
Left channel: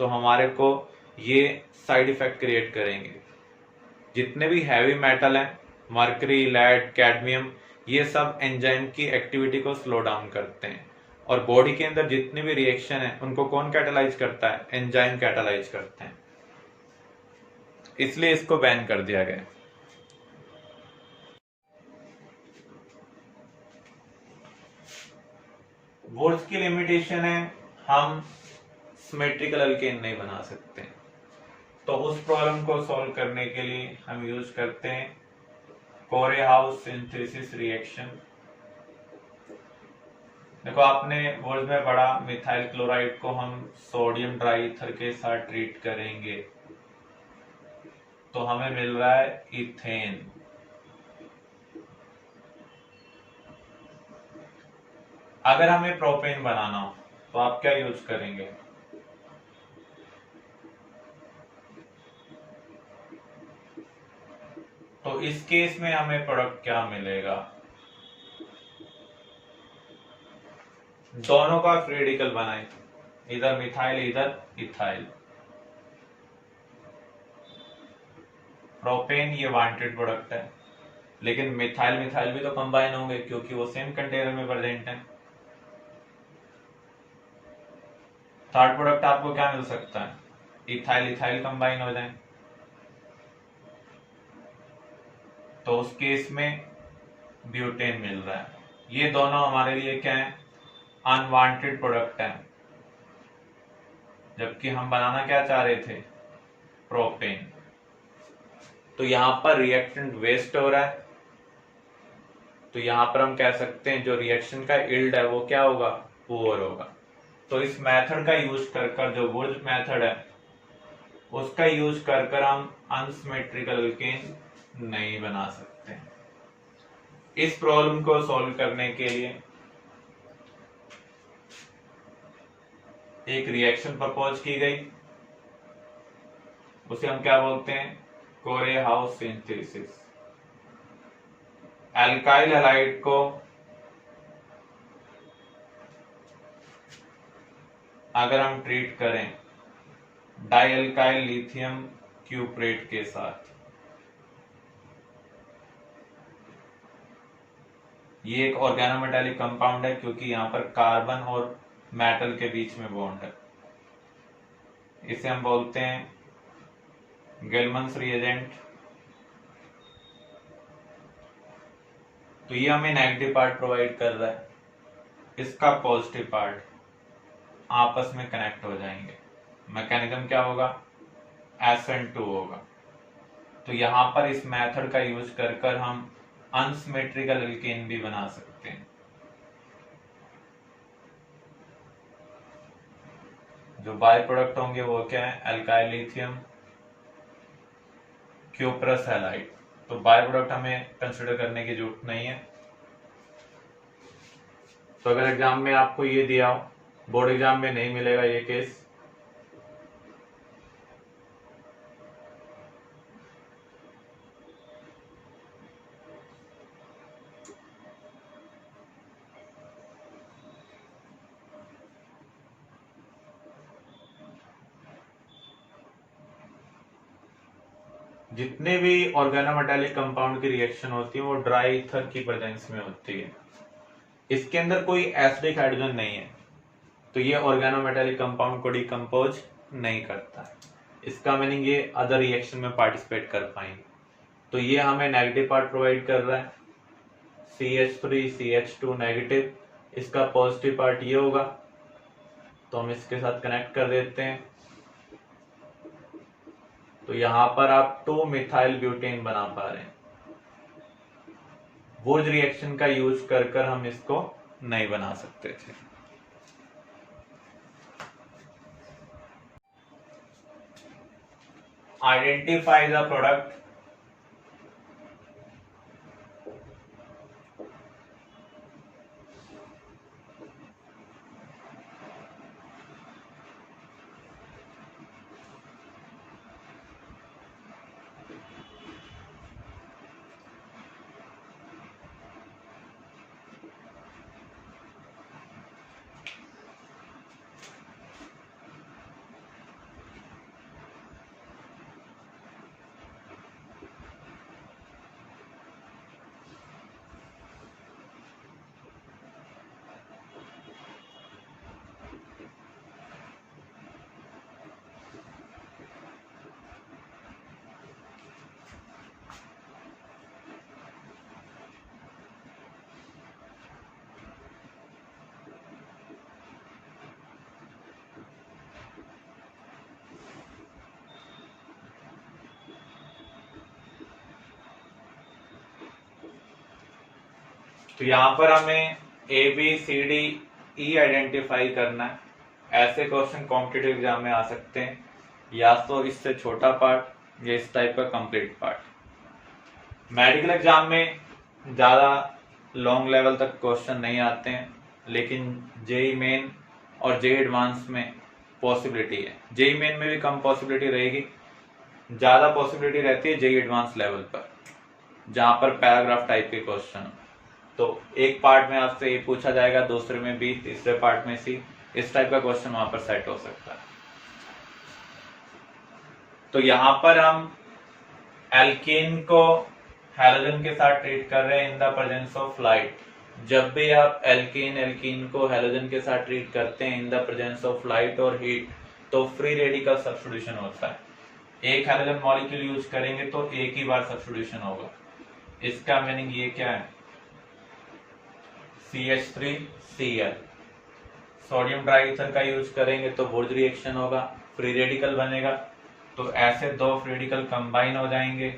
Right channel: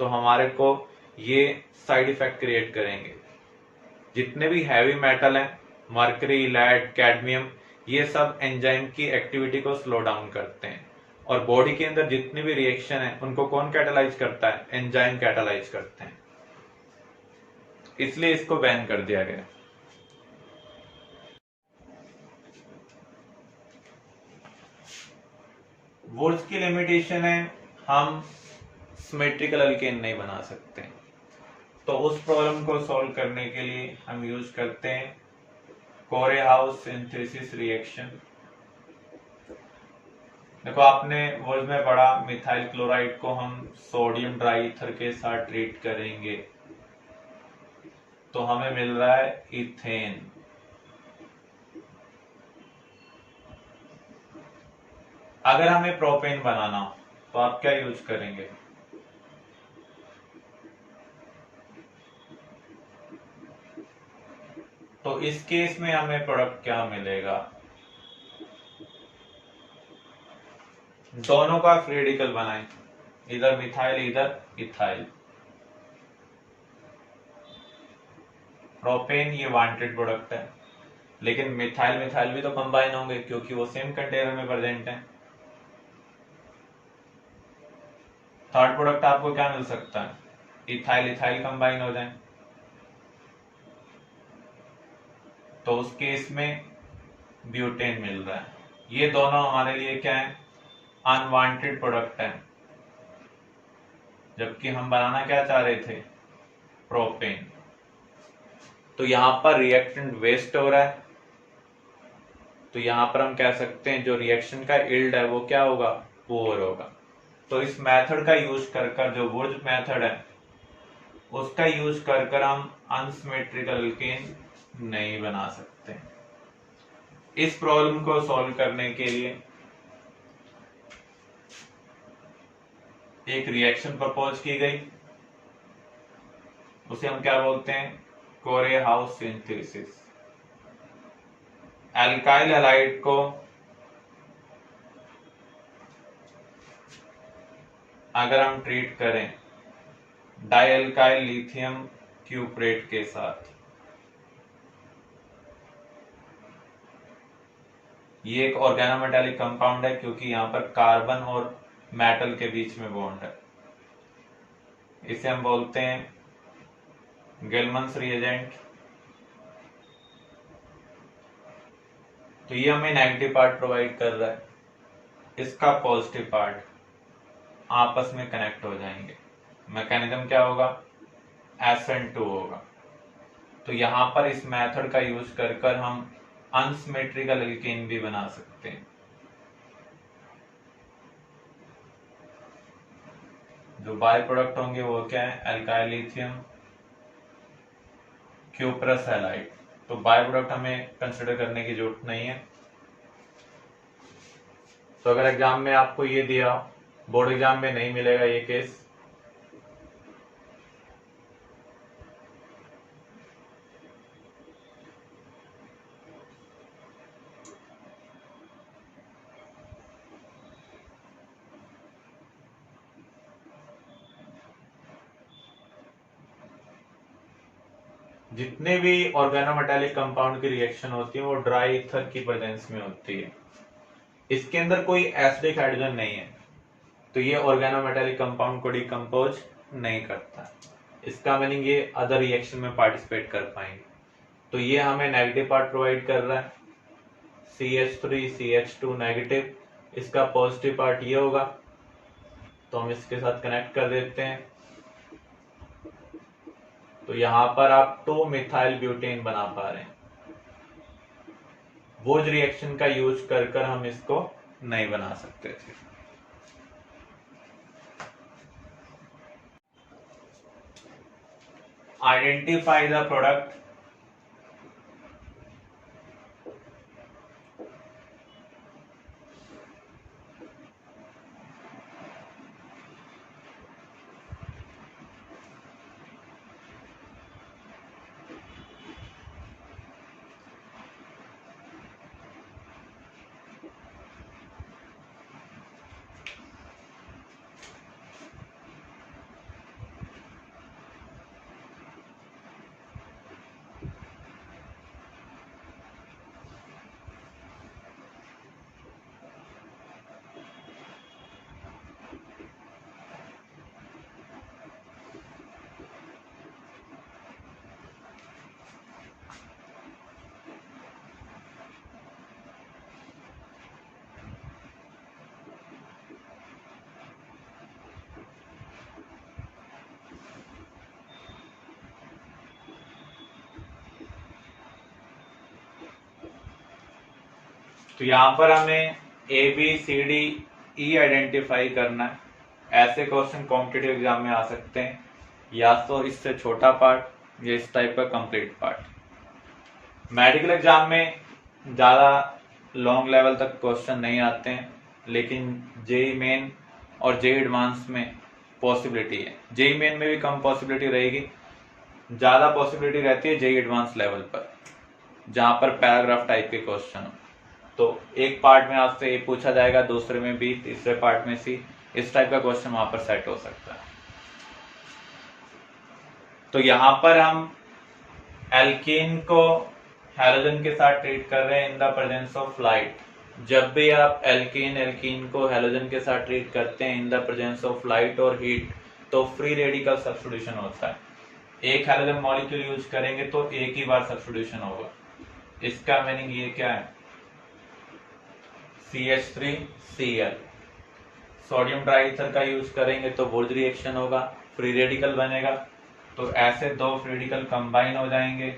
तो हमारे को ये साइड इफेक्ट क्रिएट करेंगे। जितने भी हैवी मेटल हैं, मर्करी, लेड, कैडमियम, ये सब एंजाइम की एक्टिविटी को स्लो डाउन करते हैं और बॉडी के अंदर जितने भी रिएक्शन है उनको कौन कैटालाइज करता है, एंजाइम कैटालाइज करते हैं, इसलिए इसको बैन कर दिया गया। वुड्स की लिमिटेशन है हम सिमेट्रिकल अल्केन नहीं बना सकते, तो उस प्रॉब्लम को सॉल्व करने के लिए हम यूज करते हैं कोरेहाउस सिंथेसिस रिएक्शन। देखो आपने वर्ड में पढ़ा मिथाइल क्लोराइड को हम सोडियम ड्राई ईथर के साथ ट्रीट करेंगे तो हमें मिल रहा है इथेन। अगर हमें प्रोपेन बनाना हो तो आप क्या यूज करेंगे, तो इस केस में हमें प्रोडक्ट क्या मिलेगा, दोनों का फ्री रेडिकल बनाएं, इधर मिथाइल इधर इथाइल। प्रोपेन ये वांटेड प्रोडक्ट है लेकिन मिथाइल मिथाइल भी तो कंबाइन होंगे क्योंकि वो सेम कंटेनर में प्रेजेंट है। थर्ड प्रोडक्ट आपको क्या मिल सकता है, इथाइल इथाइल कंबाइन हो जाए तो उस केस में ब्यूटेन मिल रहा है। ये दोनों हमारे लिए क्या है, अनवांटेड प्रोडक्ट है, जबकि हम बनाना क्या चाह रहे थे, प्रोपेन। तो यहां पर रिएक्टेंट वेस्ट हो रहा है तो यहां पर हम कह सकते हैं जो रिएक्शन का यील्ड है वो क्या होगा, पुअर होगा। तो इस मेथड का यूज कर जो वुड्स मेथड है उसका यूज कर हम अनसिमेट्रिकल अल्केन नहीं बना सकते। इस प्रॉब्लम को सॉल्व करने के लिए एक रिएक्शन प्रपोज की गई, उसे हम क्या बोलते हैं, कोरेहाउस सिंथेसिस। एल्काइल हैलाइड को अगर हम ट्रीट करें डाइएल्काइल लिथियम क्यूप्रेट के साथ, ये एक ऑर्गेनोमेटालिक कंपाउंड है क्योंकि यहां पर कार्बन और मेटल के बीच में बॉन्ड है, इसे हम बोलते हैं गेलमन्स रिएजेंट। तो ये हमें नेगेटिव पार्ट प्रोवाइड कर रहा है इसका पॉजिटिव पार्ट आपस में कनेक्ट हो जाएंगे। मैकेनिज्म क्या होगा, SN2 होगा। तो यहां पर इस मेथड का यूज कर हम अनसिमेट्रिकल एल्केन भी बना सकते हैं। जो बाय प्रोडक्ट होंगे वो क्या है, एल्काइल लिथियम क्यूप्रस हैलाइड। तो बाय प्रोडक्ट हमें कंसिडर करने की जरूरत नहीं है। तो अगर एग्जाम में आपको ये दिया हो, बोर्ड एग्जाम में नहीं मिलेगा ये केस, जितने भी ऑर्गेनोमेटालिक कंपाउंड की रिएक्शन होती है वो ड्राई ईथर की प्रेजेंस में होती है। इसके अंदर कोई एसिडिक हाइड्रोजन नहीं है, तो ये ऑर्गेनोमेटालिक कंपाउंड को डिकम्पोज नहीं करता। इसका मीनिंग ये अदर रिएक्शन में पार्टिसिपेट कर पाएंगे। तो ये हमें नेगेटिव पार्ट प्रोवाइड कर रहा है, CH3 CH2 नेगेटिव। इसका पॉजिटिव पार्ट ये होगा, तो हम इसके साथ कनेक्ट कर देते हैं। तो यहां पर आप 2 मिथाइल ब्यूटेन बना पा रहे हैं। वो रिएक्शन का यूज कर हम इसको नहीं बना सकते थे। आइडेंटिफाई द प्रोडक्ट तो यहां पर हमें ABCDE आइडेंटिफाई करना है। ऐसे क्वेश्चन कॉम्पिटिटिव एग्जाम में आ सकते हैं, या तो इससे छोटा पार्ट या इस टाइप का कंप्लीट पार्ट। मेडिकल एग्जाम में ज्यादा लॉन्ग लेवल तक क्वेश्चन नहीं आते हैं, लेकिन जेई मेन और जेई एडवांस में पॉसिबिलिटी है। जेई मेन में भी कम पॉसिबिलिटी रहेगी, ज्यादा पॉसिबिलिटी रहती है जेई एडवांस लेवल पर, जहां पर पैराग्राफ टाइप के क्वेश्चन हो। तो एक पार्ट में आपसे ए पूछा जाएगा, दूसरे में बी, तीसरे पार्ट में सी, इस टाइप का क्वेश्चन वहां पर सेट हो सकता है। तो यहां पर हम एल्कीन को हैलोजन के साथ ट्रीट कर रहे हैं इन द प्रेजेंस ऑफ लाइट। जब भी आप एल्कीन को हैलोजन के साथ ट्रीट करते हैं इन द प्रेजेंस ऑफ लाइट और हीट, तो फ्री रेडिकल सब्स्टिट्यूशन होता है। एक हैलोजन मॉलिक्यूल यूज करेंगे तो एक ही बार सब्स्टिट्यूशन होगा। इसका मीनिंग ये क्या है, CH3Cl। सोडियम ट्राइथर का यूज करेंगे तो वुड रिएक्शन होगा, फ्री रेडिकल बनेगा। तो ऐसे 2 फ्री रेडिकल कंबाइन हो जाएंगे,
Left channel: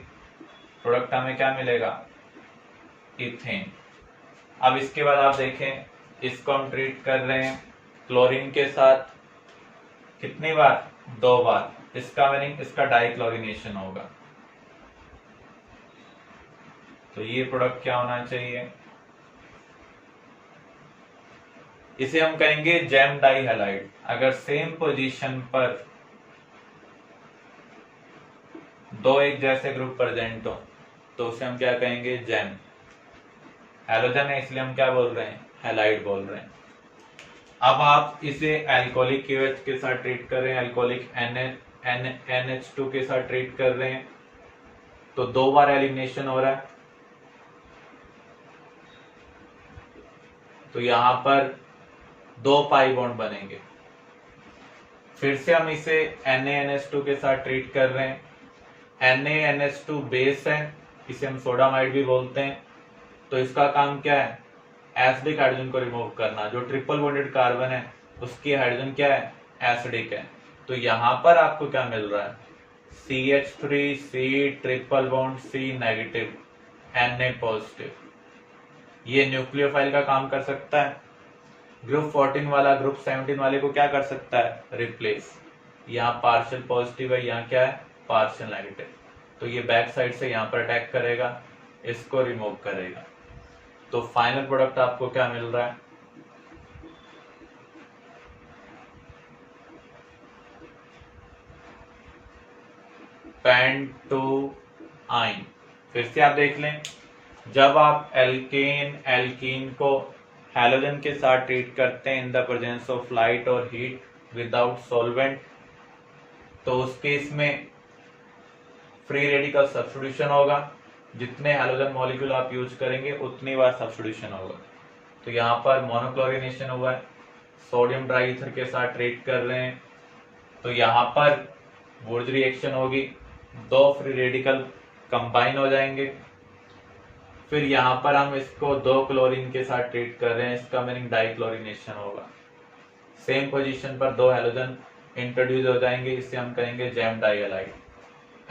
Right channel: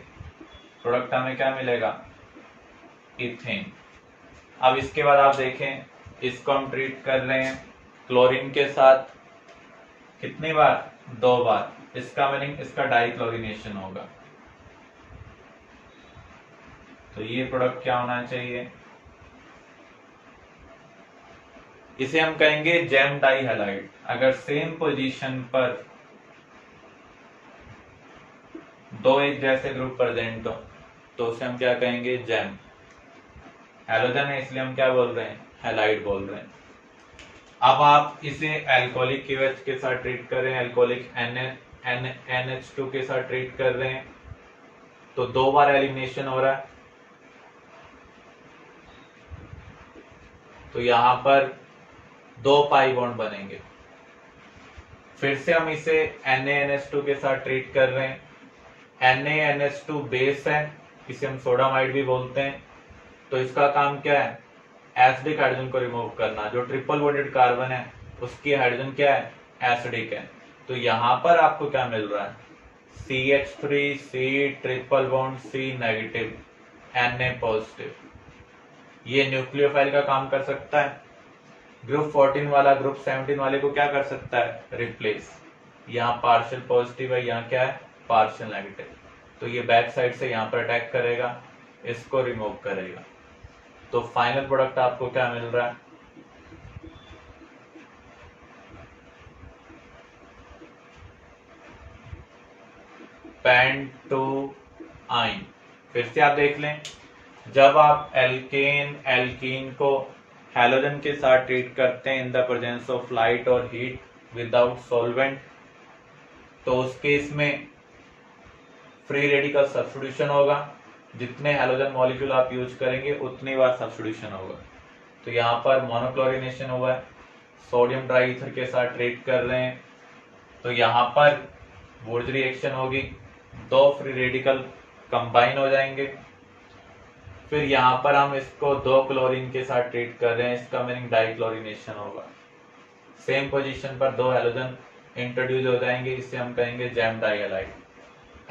प्रोडक्ट हमें क्या मिलेगा, इथेन। अब इसके बाद आप देखें, इसको हम ट्रीट कर रहे हैं क्लोरीन के साथ, कितनी बार, 2 बार। इसका मीनिंग इसका डाइक्लोरिनेशन होगा। तो ये प्रोडक्ट क्या होना चाहिए, इसे हम कहेंगे जेम डाई हैलाइड। अगर सेम पोजीशन पर 2 एक जैसे ग्रुप प्रेजेंट हो तो उसे हम क्या कहेंगे, जेम। हैलोजन है इसलिए हम क्या बोल रहे हैं, हैलाइड बोल रहे हैं। अब आप इसे एल्कोहलिक KOH के साथ ट्रीट कर रहे हैं, एल्कोहलिक NH2 के साथ ट्रीट कर रहे हैं, तो 2 बार एलिमिनेशन हो रहा है। तो यहां पर 2 पाई बॉन्ड बनेंगे। फिर से हम इसे NaNH2 के साथ ट्रीट कर रहे हैं, NaNH2 बेस है, इसे हम सोडामाइड भी बोलते हैं। तो इसका काम क्या है, एसिडिक हाइड्रोजन को रिमूव करना, जो ट्रिपल बॉन्डेड कार्बन है उसकी हाइड्रोजन क्या है, एसिडिक है। तो यहां पर आपको क्या मिल रहा है, CH3C triple bond C negative Na positive. ये न्यूक्लियोफाइल का काम कर सकता है। ग्रुप 14 वाला ग्रुप 17 वाले को क्या कर सकता है, रिप्लेस। यहाँ पार्शियल पॉजिटिव है, यहाँ क्या है, पार्शियल नेगेटिव। तो ये बैक साइड से यहाँ पर अटैक करेगा, इसको रिमूव करेगा। तो फाइनल प्रोडक्ट आपको क्या मिल रहा है, पेंटोआइन। फिर से आप देख लें, जब आप एल्कीन को हैलोजन के साथ ट्रीट करते हैं इन द प्रेजेंस ऑफ लाइट और हीट विदाउट सॉल्वेंट, तो उस केस में फ्री रेडिकल सब्स्टिट्यूशन होगा। जितने हैलोजन मॉलिक्यूल आप यूज करेंगे उतनी बार सब्स्टिट्यूशन होगा। तो यहाँ पर मोनोक्लोरिनेशन हुआ है, सोडियम ड्राईईथर के साथ ट्रीट कर रहे हैं, तो यहाँ पर वुर्ज रिएक्शन होगी, दो फ्री रेडिकल कंबाइन हो जाएंगे। फिर यहाँ पर हम इसको दो क्लोरीन के साथ ट्रीट कर रहे हैं, इसका मीनिंग डाइक्लोरिनेशन होगा। सेम पोजीशन पर दो हैलोजन इंट्रोड्यूस हो जाएंगे, इसे हम कहेंगे gem dihalide.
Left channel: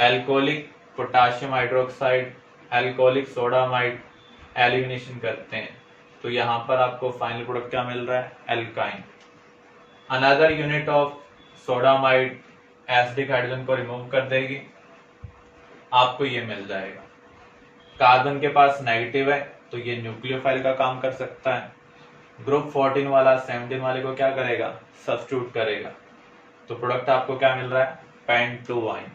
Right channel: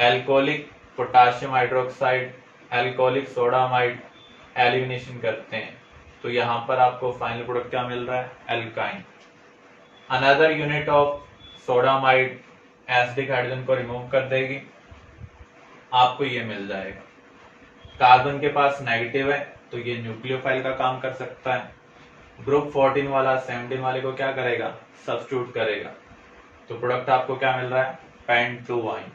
Alcoholic potassium hydroxide, alcoholic sodamide elimination करते हैं, तो यहाँ पर आपको फाइनल प्रोडक्ट क्या मिल रहा है, alkyne. Another unit of sodamide acidic hydrogen को रिमूव कर देगी, आपको ये मिल जाएगा। कार्बन के पास नेगेटिव है तो ये न्यूक्लियोफाइल का काम कर सकता है। ग्रुप 14 वाला 17 वाले को क्या करेगा, सब्स्टिट्यूट करेगा। तो प्रोडक्ट आपको क्या मिल रहा है, पेंटोआइन।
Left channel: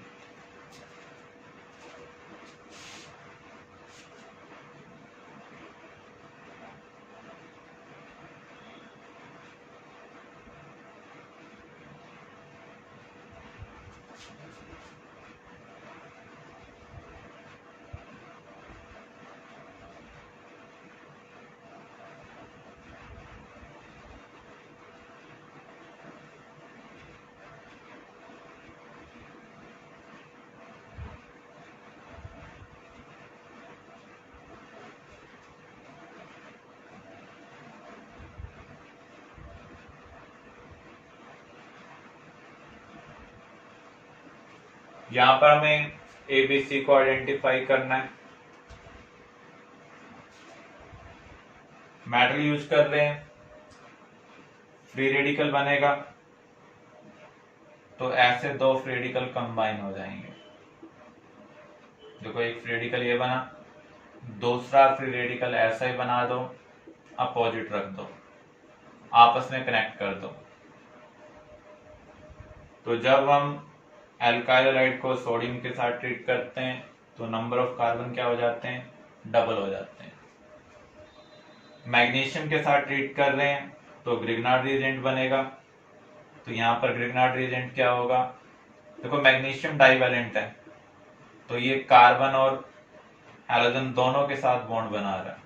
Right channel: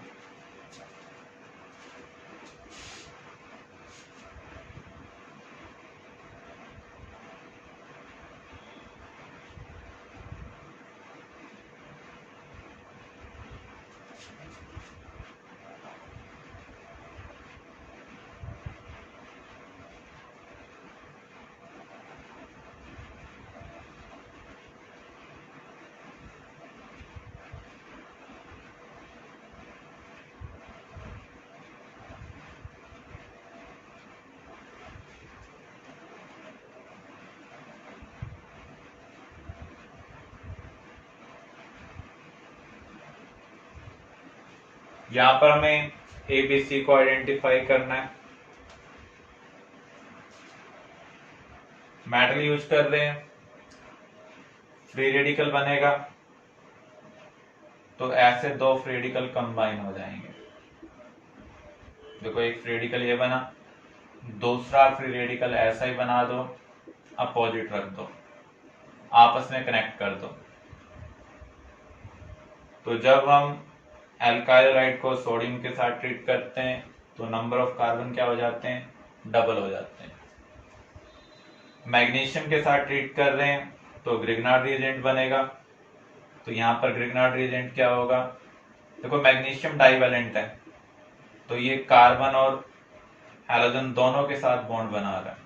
यहां पर हमें ABC को आइडेंटिफाई करना है। मेटल यूज कर रहे हैं, फ्री रेडिकल बनेगा, तो ऐसे दो फ्री रेडिकल कंबाइन हो जाएंगे। देखो एक फ्री रेडिकल ये बना, दूसरा फ्री रेडिकल ऐसा ही बना दो, अपोजिट रख दो, आपस में कनेक्ट कर दो। तो जब हम एल्काइल हैलाइड को सोडियम के साथ ट्रीट करते हैं तो नंबर ऑफ कार्बन क्या हो जाते हैं, डबल हो जाते हैं। मैग्नीशियम के साथ ट्रीट कर रहे हैं तो ग्रिग्नार्ड रिएजेंट बनेगा, तो यहाँ पर ग्रिग्नार्ड रिएजेंट क्या होगा, देखो मैग्नीशियम डाइवैलेंट है तो ये कार्बन और हैलोजन दोनों के साथ बॉन्ड बना रहा है।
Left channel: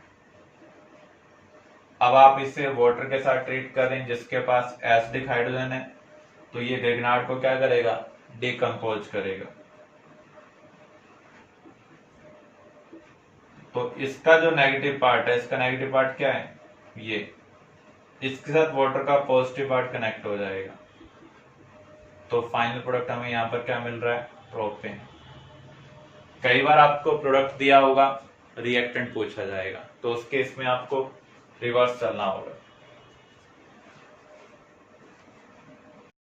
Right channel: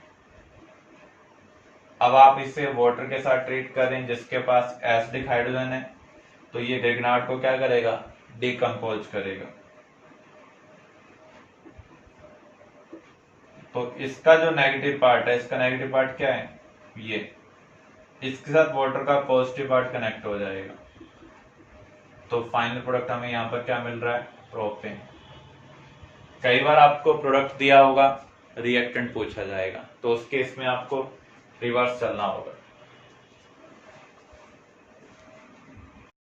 अब आप इसे वाटर के साथ ट्रीट कर रहे हैं जिसके पास एसिडिक हाइड्रोजन है, तो ये ग्रिग्नार्ड को क्या करेगा, डिकम्पोज करेगा। तो इसका जो नेगेटिव पार्ट है, इसका नेगेटिव पार्ट क्या है, ये, इसके साथ वाटर का पॉजिटिव पार्ट कनेक्ट हो जाएगा। तो फाइनल प्रोडक्ट हमें यहाँ पर क्या मिल रहा है, प्रोपेन। कई बार आपको प्रोडक्ट दिया होगा, रिएक्टेंट पूछा जाएगा, तो उस केस में आपको रिवर्स चलना होगा।